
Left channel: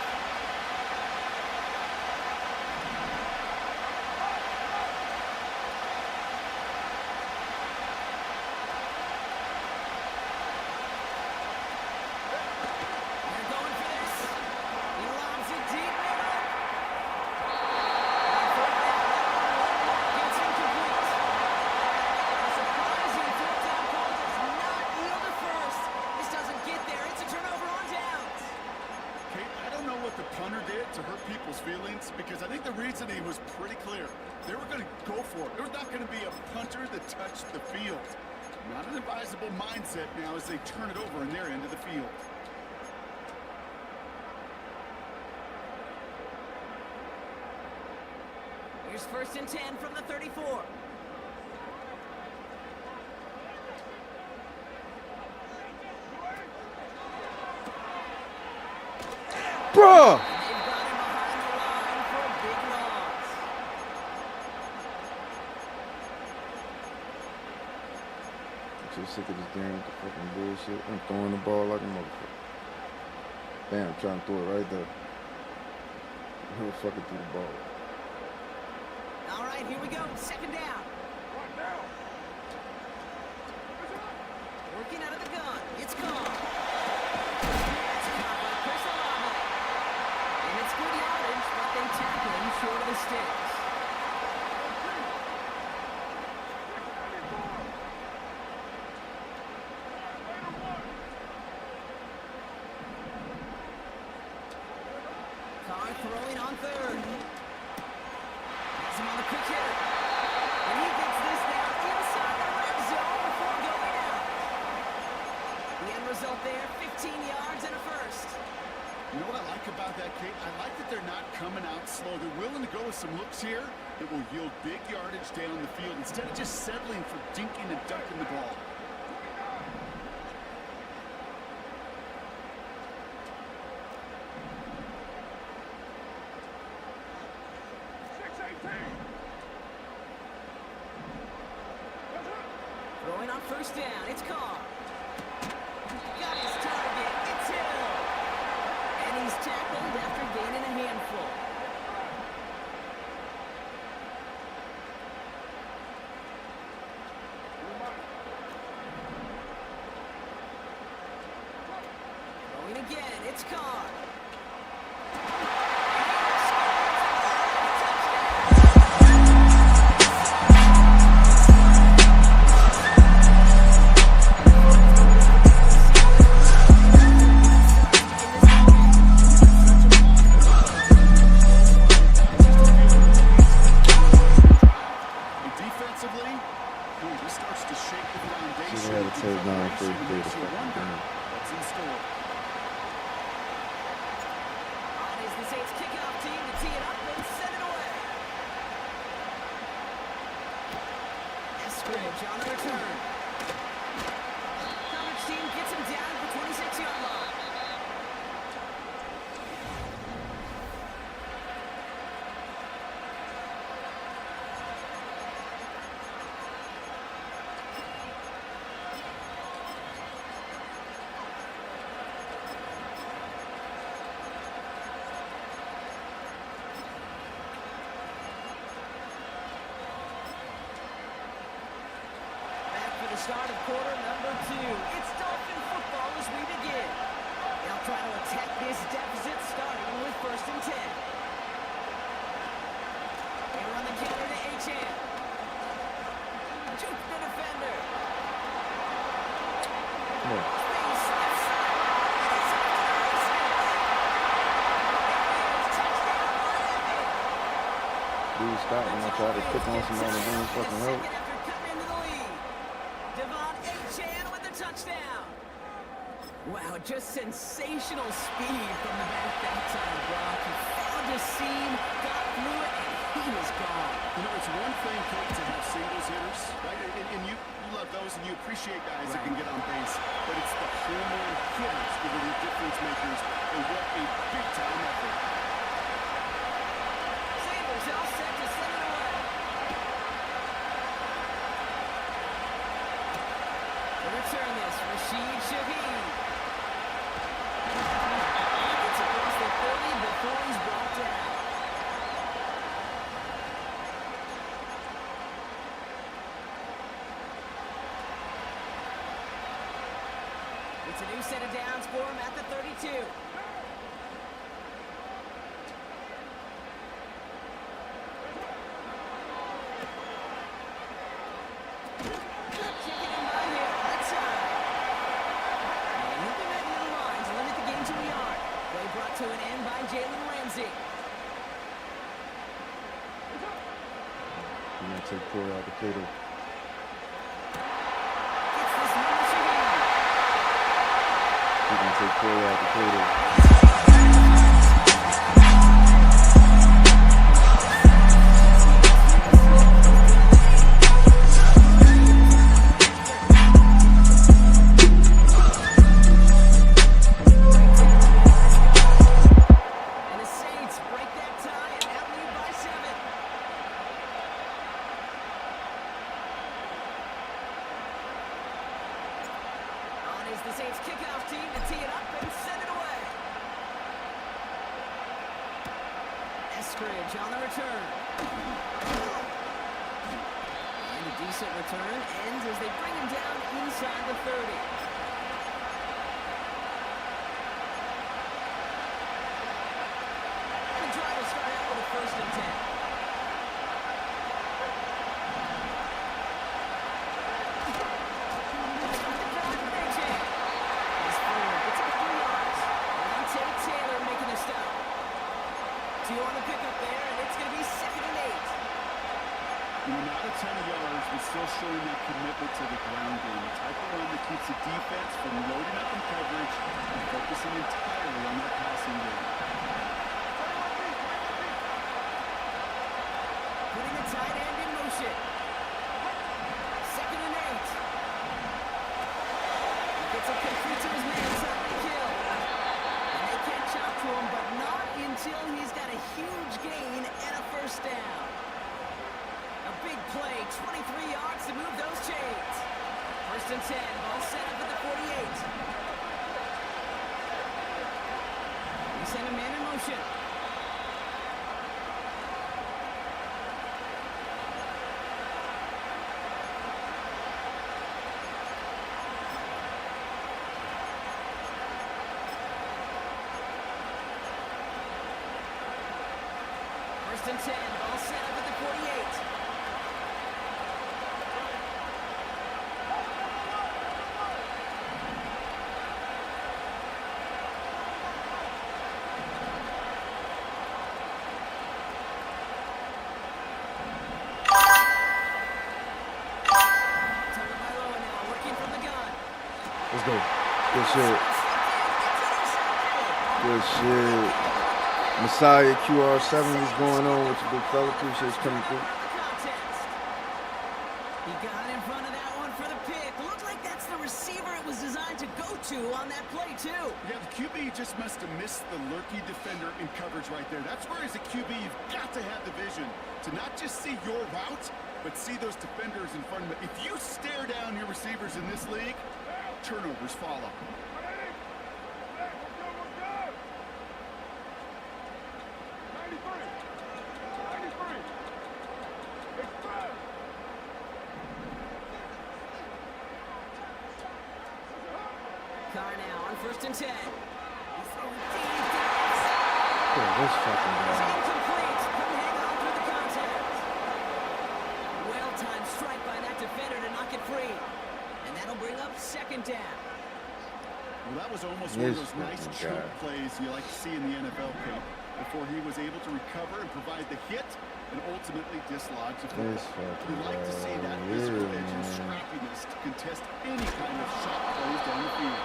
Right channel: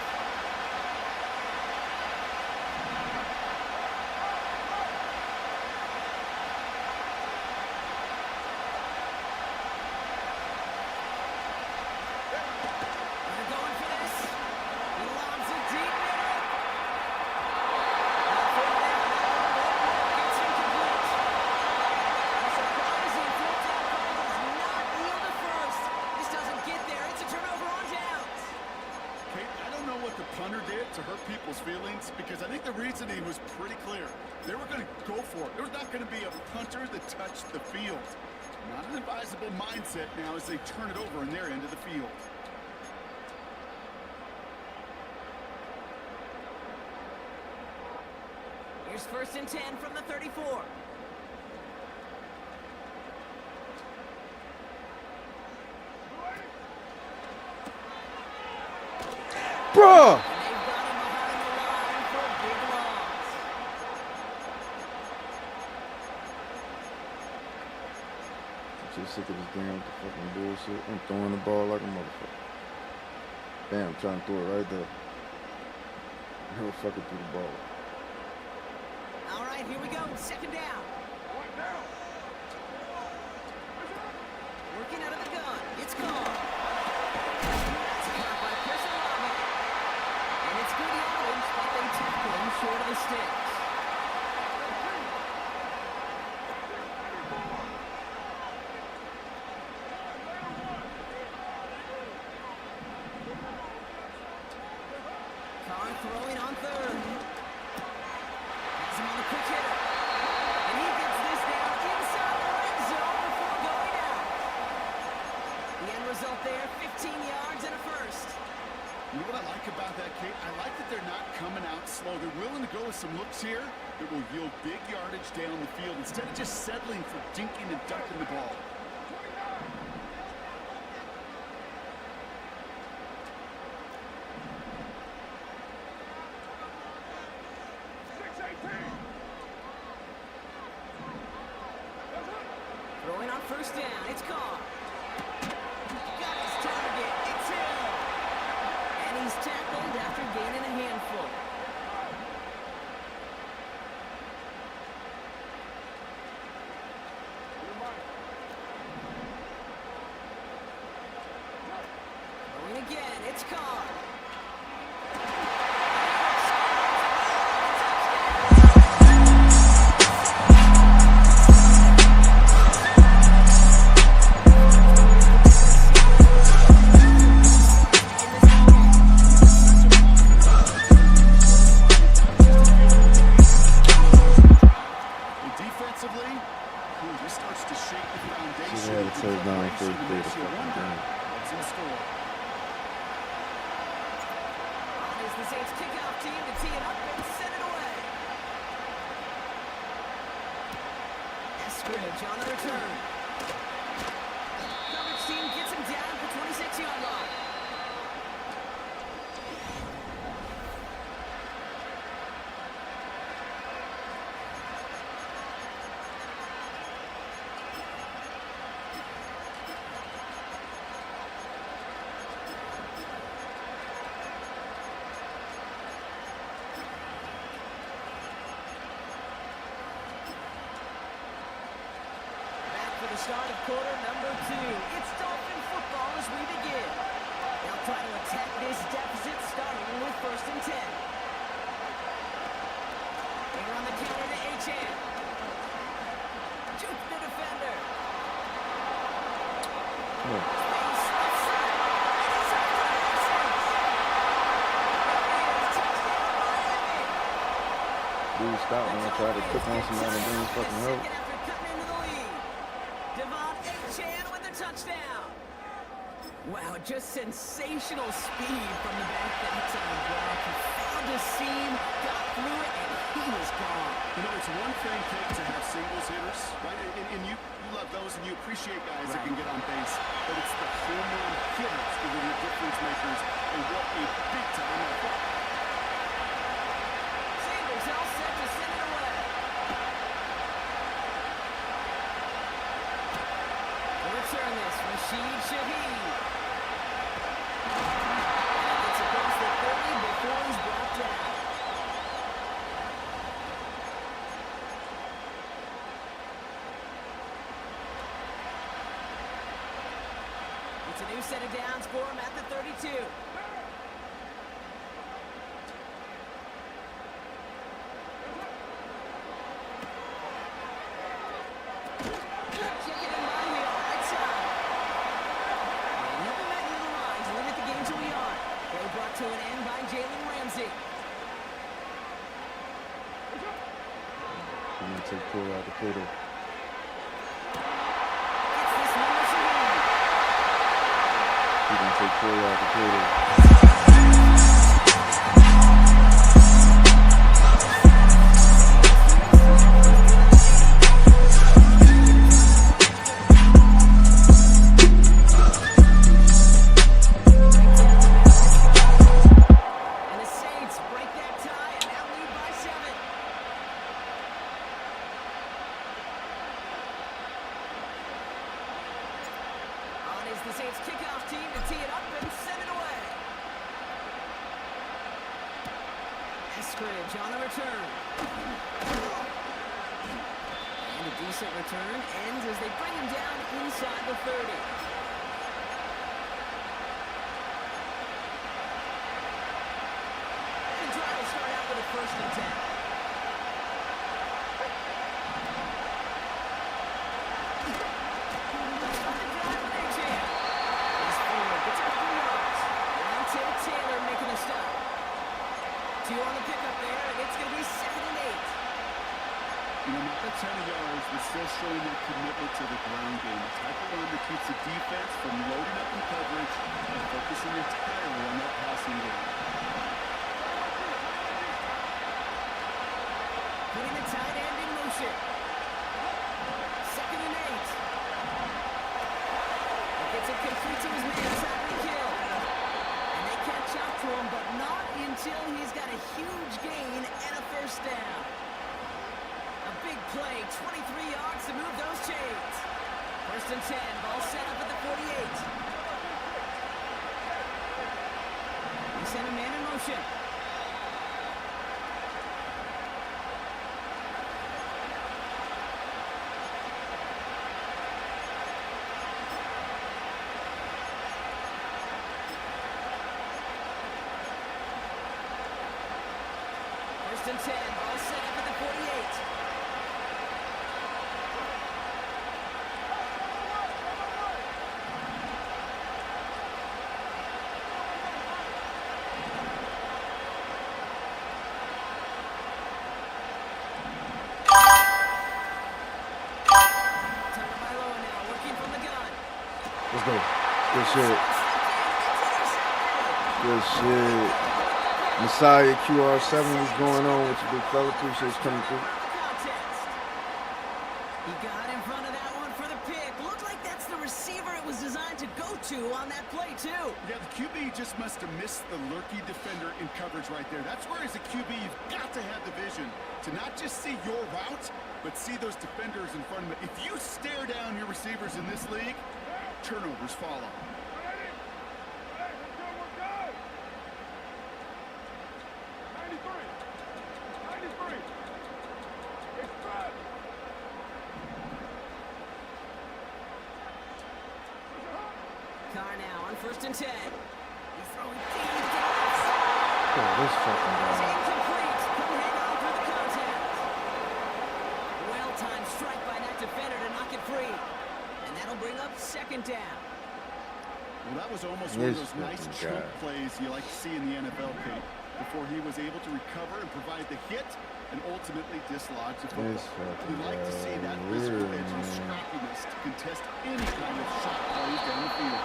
They're going for this. He lobs it deep middle. On 4th down, that one won't work. It's incomplete. A surprising 4th down call does not yield a first. This doesn't get there. It's a turnover on downs. Kate, I don't know what the punter did to hurt people's feelings, because I think the reasoning was pretty clear. They were going to go for it. There was not going to be a punter that touched the field. Not an advisable mindset now as they turn it over in their end of the field. Here's 1st and 10 from the 34. Bruh! And they've got him behind the line for a big loss. I'm too sick of this damn fucking bullshit. I'm throwing the ball like a motherfucker. Damn, I'm trying to throw it right there. Never fucking threw the ball. All right, here we go. 2nd down. What now? Working out of the gun. It's gone. That's a caught by Chris Olave. And it's good yardage, but they tackle him short of the sticks. Carr throwing on 3rd. Has him You know what I like about that, Kate? I like that they're not coming out slow. They're willing to go with some looks here that will yield big yardage down the field instead of just settling for dinking and dunking the ball. 6-18. Throwing on first down, it's Carr. Got his target, it's Hill. And he's tackled after gaining a handful. Throwing again, it's Carr. Defensively, this starts to shake the foundation. She had a touchdown first play of the Makes you fucking wonder game. what's in store. On is the Saints kickoff team to tee it up and send it away. Eskridge on the return. Coverage team gets him down at the 26-yard line. For the start of quarter number 2. It's Dolphin football as we begin. They'll try to attack this deficit starting with 1st and 10. They run the counter to H.N. Juke the defender. Space left side. And he's off to the races. It is touchdown Miami. Dude, stop when I try to click on somebody and bring fucking help. After cutting into the lead. Devon Achane with the touchdown. Wow, just sensational speed from the back that time, Brock. He found a seam, got through it, and he was gone. You know, it's one thing, Kate, to have singles hitters, right? And you love those, and you appreciate guys that can get on base. But it's the home run hitters that are the difference makers, and what a big-time effort. Sanders all set to send it away. To return this, Rashid Shaheed. And he gets across the 30 before he's brought down. It's a new set of downs for him at the 32. Brought to an end by Jalen Ramsey. You're going to take Corey out the play though. Gets this one to Shaheed. You're going to take Corey out the play though. Is the Saints kickoff team to tee it up and send it away. Eskridge on the return. And a decent return ends as they bring him down inside the 30. And the drive will start out with a 1st and 10. You know, not a ton of yards, but still showing that commitment to the ground game. The type of run that keeps the defense from loading up in coverage and focusing entirely on that passing game. Putting the tight end in motion. 2nd and 8. He gets it complete to his man, Tyreek Hill. And they catch up to him, but not until he's got a huge gain and a first down. A big play, 23 yards to move those chains. 1st and 10, ball set up at the 48. We send a man in motion. First and 10, ball set up at the 48. Tagovailoa now working from the gun. Let's go. Good shit. Good shit. Messiah QR7 was going on with your big fella. Appreciate you coming through. He got in front of that one for the pick. Looked like that's the receiver it was designed to go to on that play, too. Yeah, the QB just must have missed the lurky defender in coverage right there. That's where, as a QB, you've got to have the vision to not just see your route, but see those defenders in front of it. If you stare down your receivers in this league, turnovers follow. Ready? Hey, we're good. 93. Express. Carr now on 1st and 10. He's throwing deep to the left side. Oh, this fucking It's guy. incomplete. Couldn't hang on through the contact. Well-timed strike by that defender to knock it free. And that'll bring up 2nd down. Well, that was almost one of This those nice fucking chunk guy. plays you like to see in the NFL, Kate, before he was able to recover and provide the hit and ultimately dislodge the football. This fucking You like to see that guy. physical Weird, edge and man. scrappiness to contest any kind of shot plays down the field.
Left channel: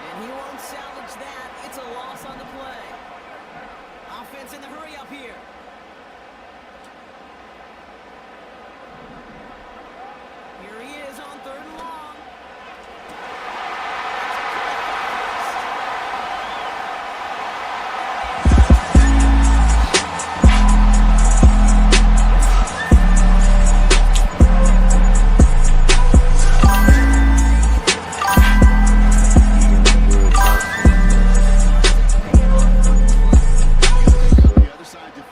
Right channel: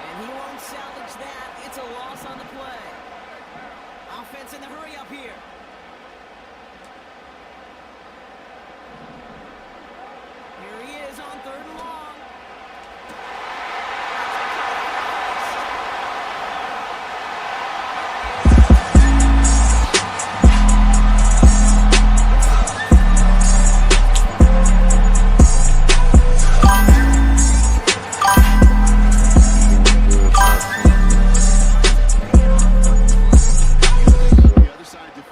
And he won't salvage that. It's a loss on the play. Offense in the hurry up here. Here he is on 3rd and long.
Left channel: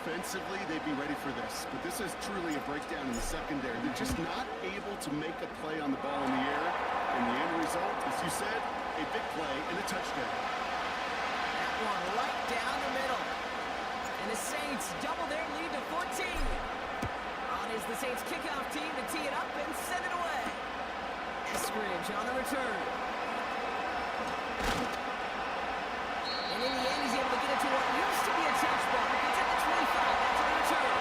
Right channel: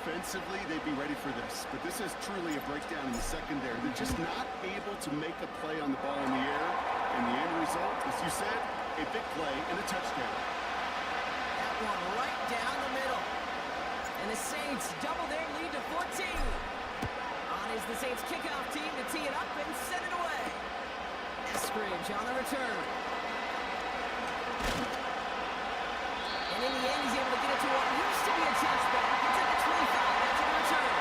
Defensively, they'd be ready for this, but this is truly a breakdown in the secondary. They're just not able to make a play on the ball in the air, and the end result, as you said, a big play and a touchdown. That one right down the middle. And the Saints double their lead to 14. On is the Saints kickoff team to tee it up and send it away. Eskridge on the return. And in the end, he's able to get it to what used to be a touchback. It's at the 25 after the return.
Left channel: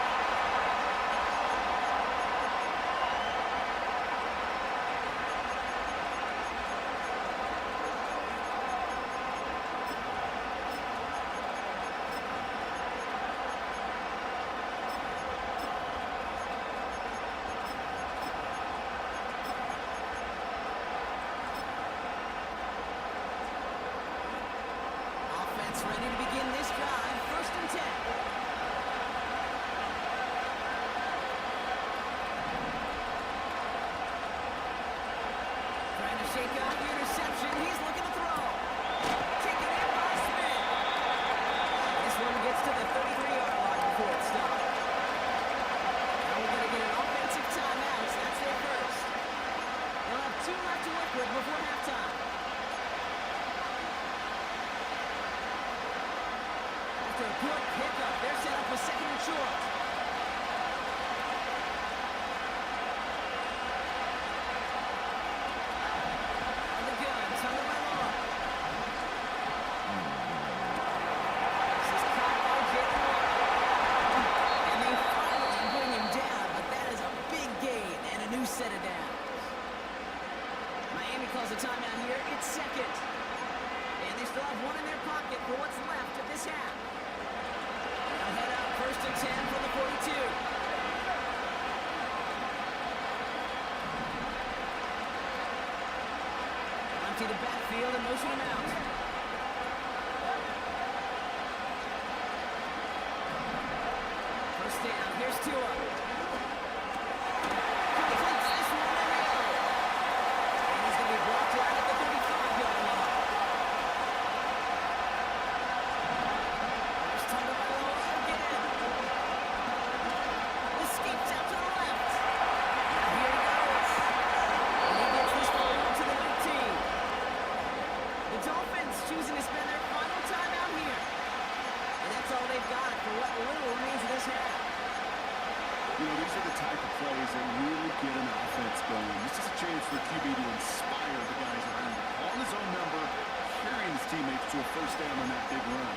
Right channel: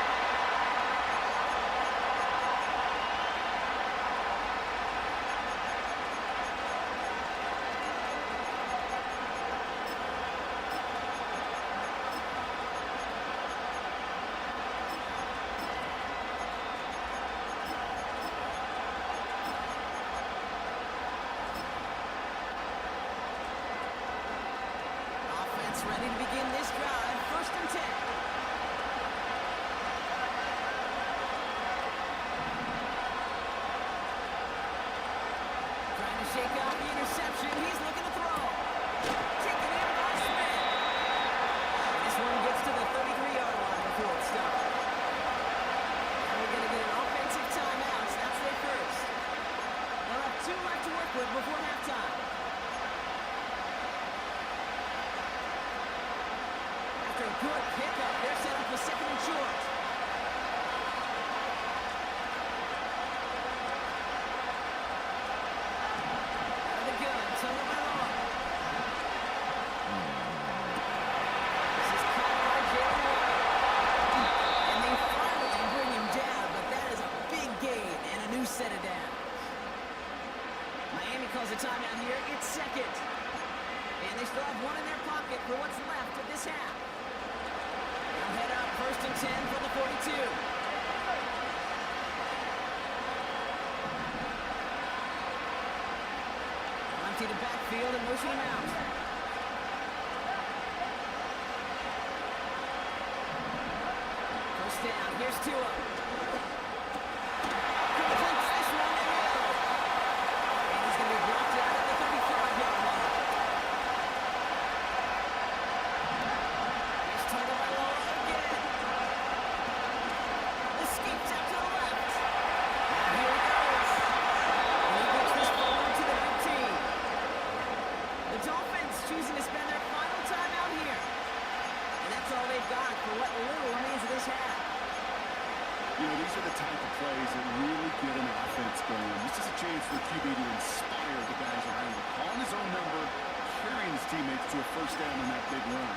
Offense ready to begin this drive. 1st and 10. Trying to shake off the interception. He's looking to throw. Taken in by Smith. This one gets to the 33-yard line before it stops. Now we're going to get an offensive timeout. That's their first. They'll have 2 left to work with before halftime. After a good pickup, they're set up with 2nd and short. Out of the gun, Tagovailoa. This is caught by Jalen Waddle. And they finally bring him down, but that is a set of downs. Miami calls a timeout here. It's second. And they still have one in their pocket for what's left of this half. They'll head up 1st and 10 from the 42. They'll empty the backfield and motion him out. First down. Here's Tua. Completes this one. There we go. And he's going to be brought down at the 35-yard line. Here's Tagovailoa again. Escapes out to the left. Now here he goes. And he gets this forward to the 19. The Dolphins choosing to spend their final time out here. And that's all they've got for what little remains of this half. You know, these are the type of plays that really get an offense going. This is a chance for QB to inspire the guys around him. Calling his own number, carrying his teammates to a first down on that big run.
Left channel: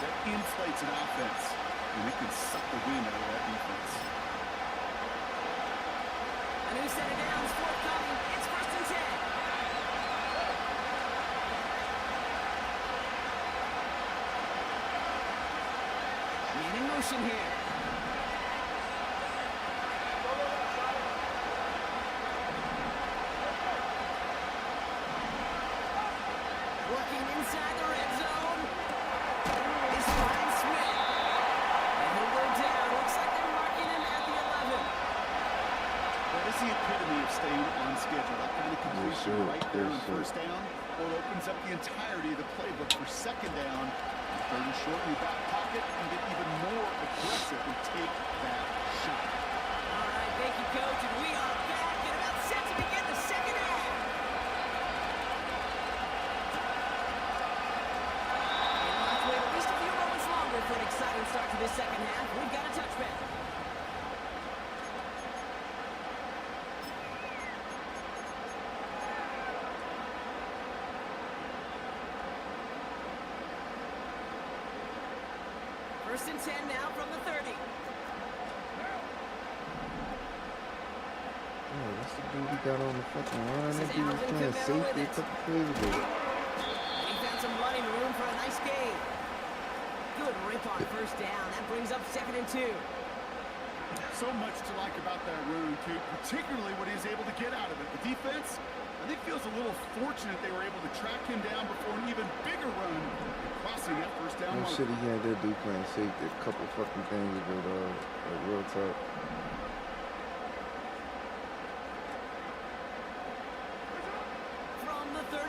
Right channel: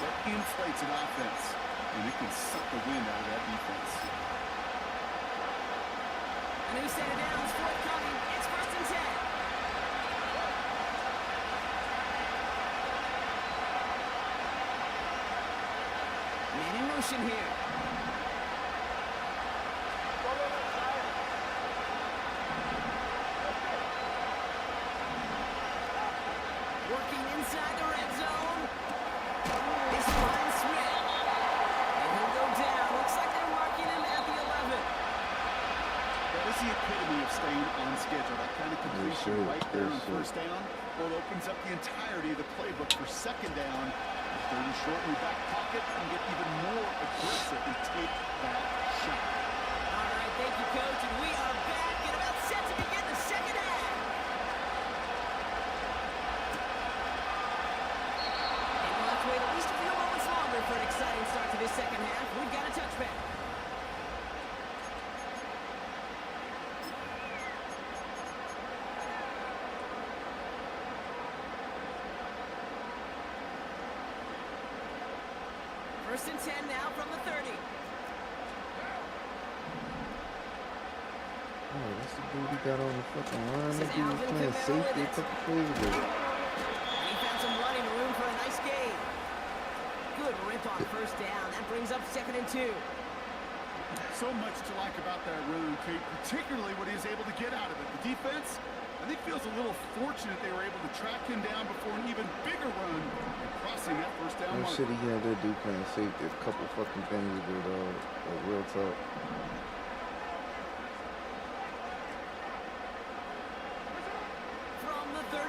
That inflates an offense, and it can suck the wind out of that defense. A new set of downs forthcoming. It's 1st and 10. Man in motion here. Working inside the red zone. It's Ryan Smith. And he'll go down. Looks like they're marking him at the 11. That is the epitome of staying on schedule. That kind of completion right there on first down. Well, it opens up the entirety of the playbook for second down. 3rd and short in your back pocket and get even more aggressive and take that shot. All right, thank you, Coach. And we are back and about set to begin the second half. And we'll have to wait at least a few moments longer for an exciting start to this second half. We've got a touchback. First and 10 now from the 30. Oh, that's the dude he got on the fucking line. That dude was Alvin playing Kamara safety with a it. couple plays ago. And he found some running room for a nice gain. Good rip on first down. That brings up 2nd and 2. So much to like about that run, Kate, particularly what he was able to get out of it. The defense, I think, feels a little fortunate they were able to track him down before an even bigger run and crossing that first down No mark. shit, he had that dude playing safety a couple fucking things ago, dog. Like, real talk. From the 38.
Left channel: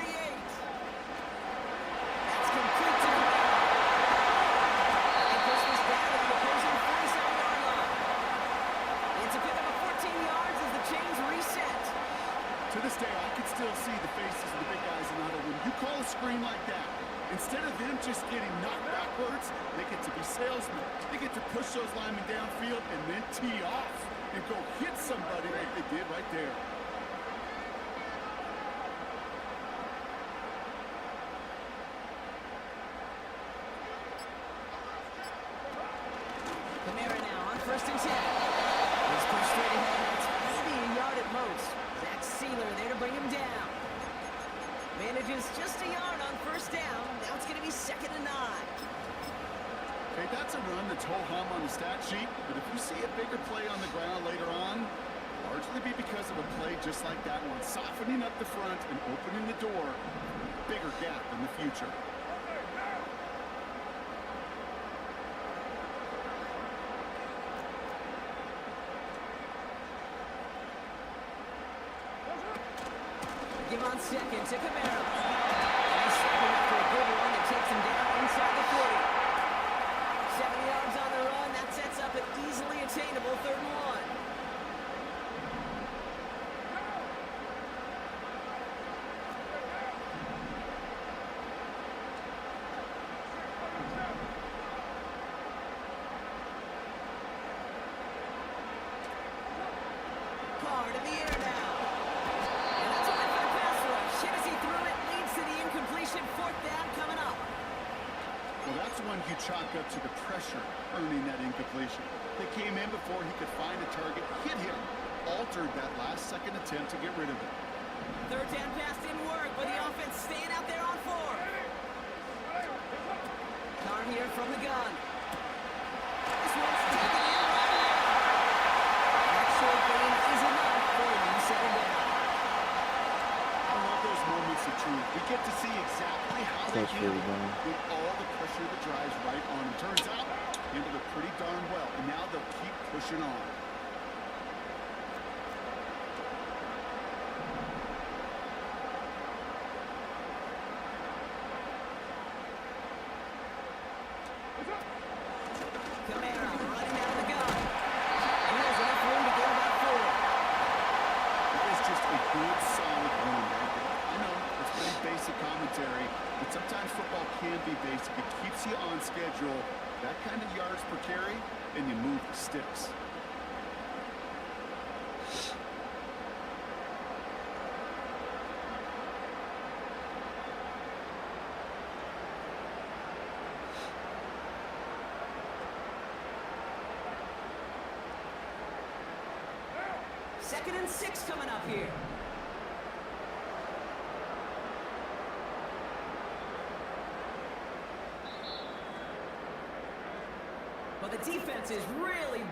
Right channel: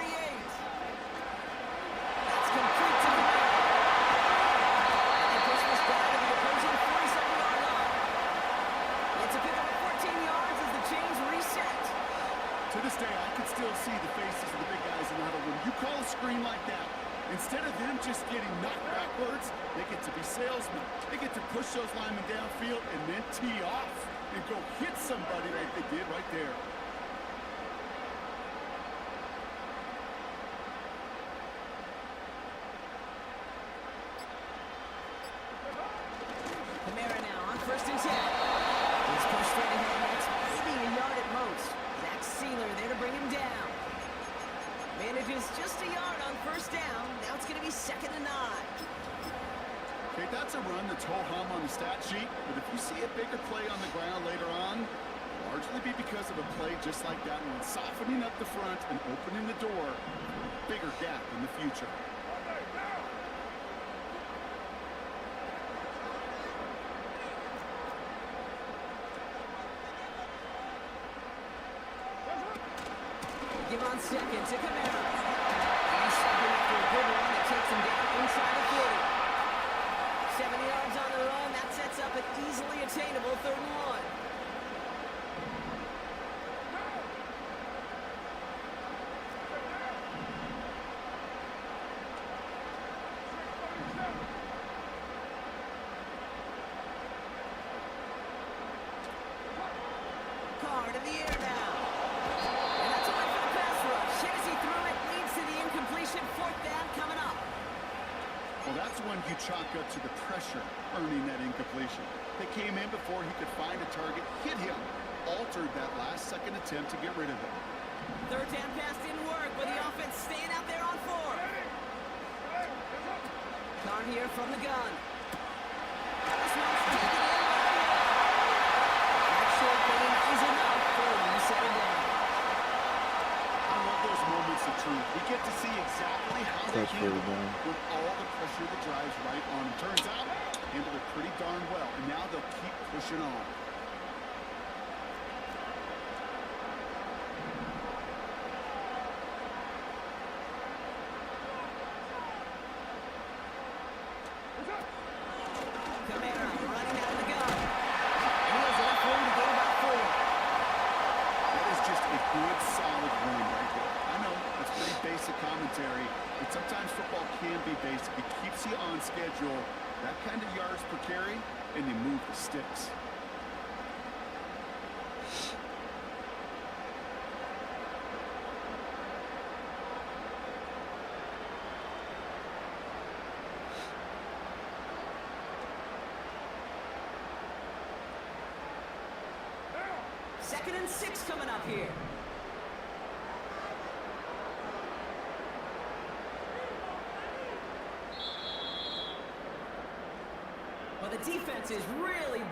That's complete to Kamara. They push this down to the opposing 47-yard line. It's a pickup of 14 yards as the chains reset. To this day, I could still see the faces of the big guys in the huddle. When you call a screen like that, instead of them just getting knocked backwards, they get to be salesmen. They get to push those linemen downfield and then tee off and go hit somebody like they did right there. Kamara now on 1st and 10. He's pushed straight ahead, and that's maybe a yard at most. Zach Sealer there to bring him down. Manages just a yard on first down. Now it's going to be 2nd and 9. Okay, that's a run that's ho-hum on the stat sheet, but if you see a bigger play on the ground later on, it'll largely be because of a play just like that one, softening up the front and opening the door for a bigger gap in the future. Give on 2nd to Kamara. And he's second after a good run that takes him down inside the 40. 70 yards on the run. That sets up an easily attainable 3rd and 1. Card in the air now. And that's a win for the pass rush. Hit as he threw it, leads to the incompletion. 4th down coming up. Well, that's one you chalk up to the pressure earning that incompletion. They came in before he could find a target, hit him. All faltered that last-second attempt to get rid of it. Third down pass didn't work, but the offense staying out there on 4. Carr here from the gun. This one's taken in by the air. That short gain is enough for a new second down. I love those moments of truth. We get to see exactly how they handle it when all the pressure that drives right on them. Turns out, handled it pretty darn well, and now they'll keep pushing on. Camara running out of the gun. And he has enough room to gain about 4. That is just a good, solid run right there. I know, it's pretty basic commentary, but sometimes football can be basic. It keeps you on schedule, that kind of yards per carry, and you move the sticks. Second and 6 coming up here. But the defense is really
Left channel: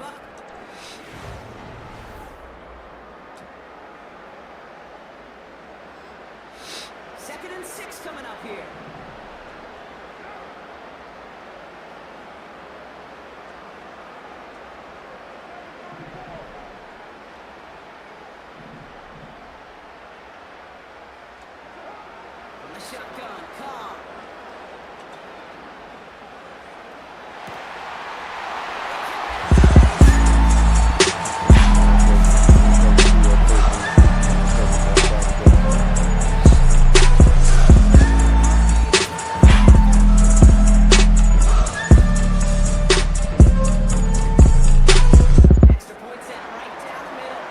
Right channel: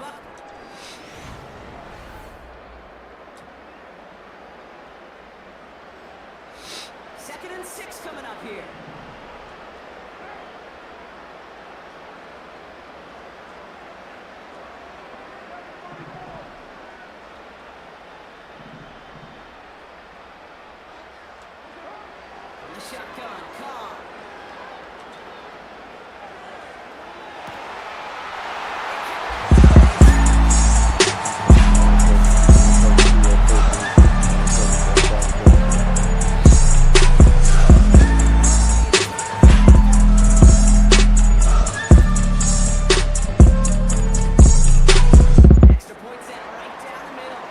Second and 6 coming up here. From the shotgun, Carr. Extra points out right down the middle.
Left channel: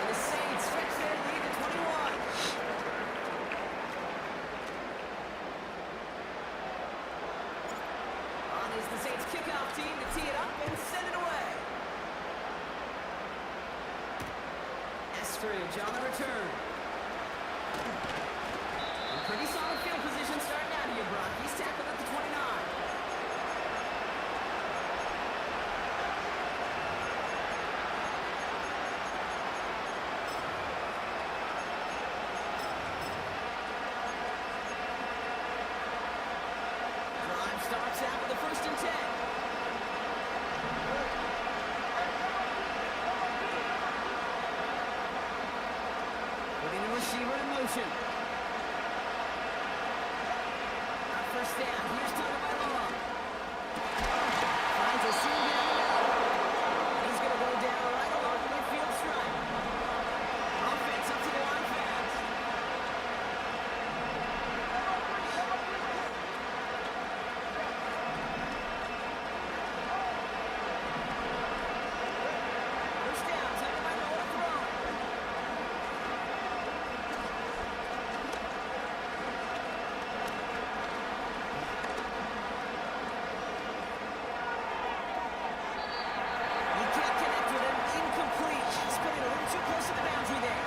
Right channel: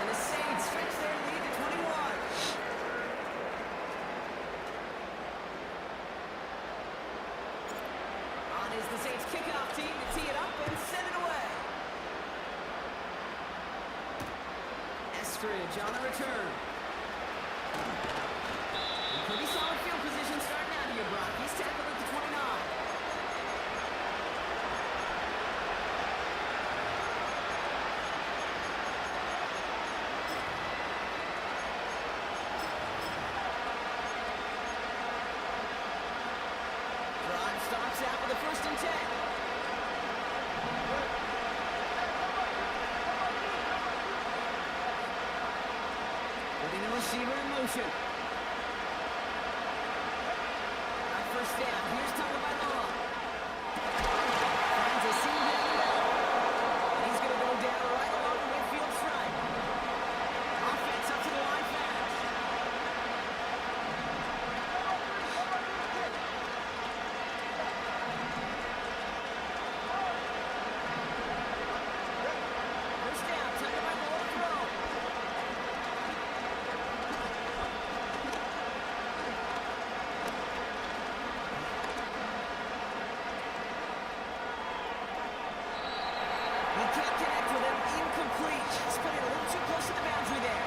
And the Saints stretch their lead to 21. On is the Saints kickoff team to tee it up and send it away. Eskridge on the return. In pretty solid field position starting out here, Brock. He's tackled at the 29. Drive starts out with a 1st and 10. Putting the receiver in motion. Our 1st down. Here's Tagovailoa. Finds a seam down the middle. And he's going to go down right along the midfield stripe. Offense up to the line fast. First down, Tagovailoa to throw. He can't connect with him. Incomplete. Spinning a little too close to the boundary there.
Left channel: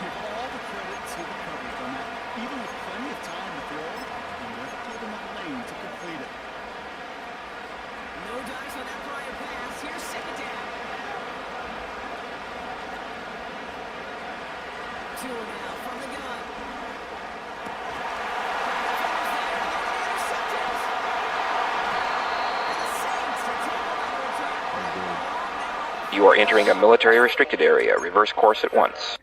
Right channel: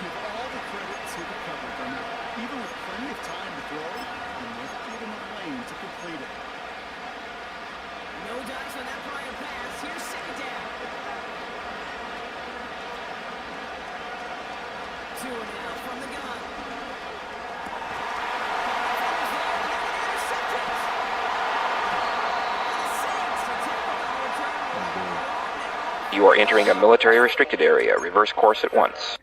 Give all the credit to the coverage on that. Even with plenty of time to throw, you never give him a lane to complete it. No dice on that prior pass. Here's 2nd down. 2 now from the gun. Couple defenders there, and they're going to intercept it. And the Saints are tackled on the return right along their own. You are entering a military restricted area. Reverse course at once.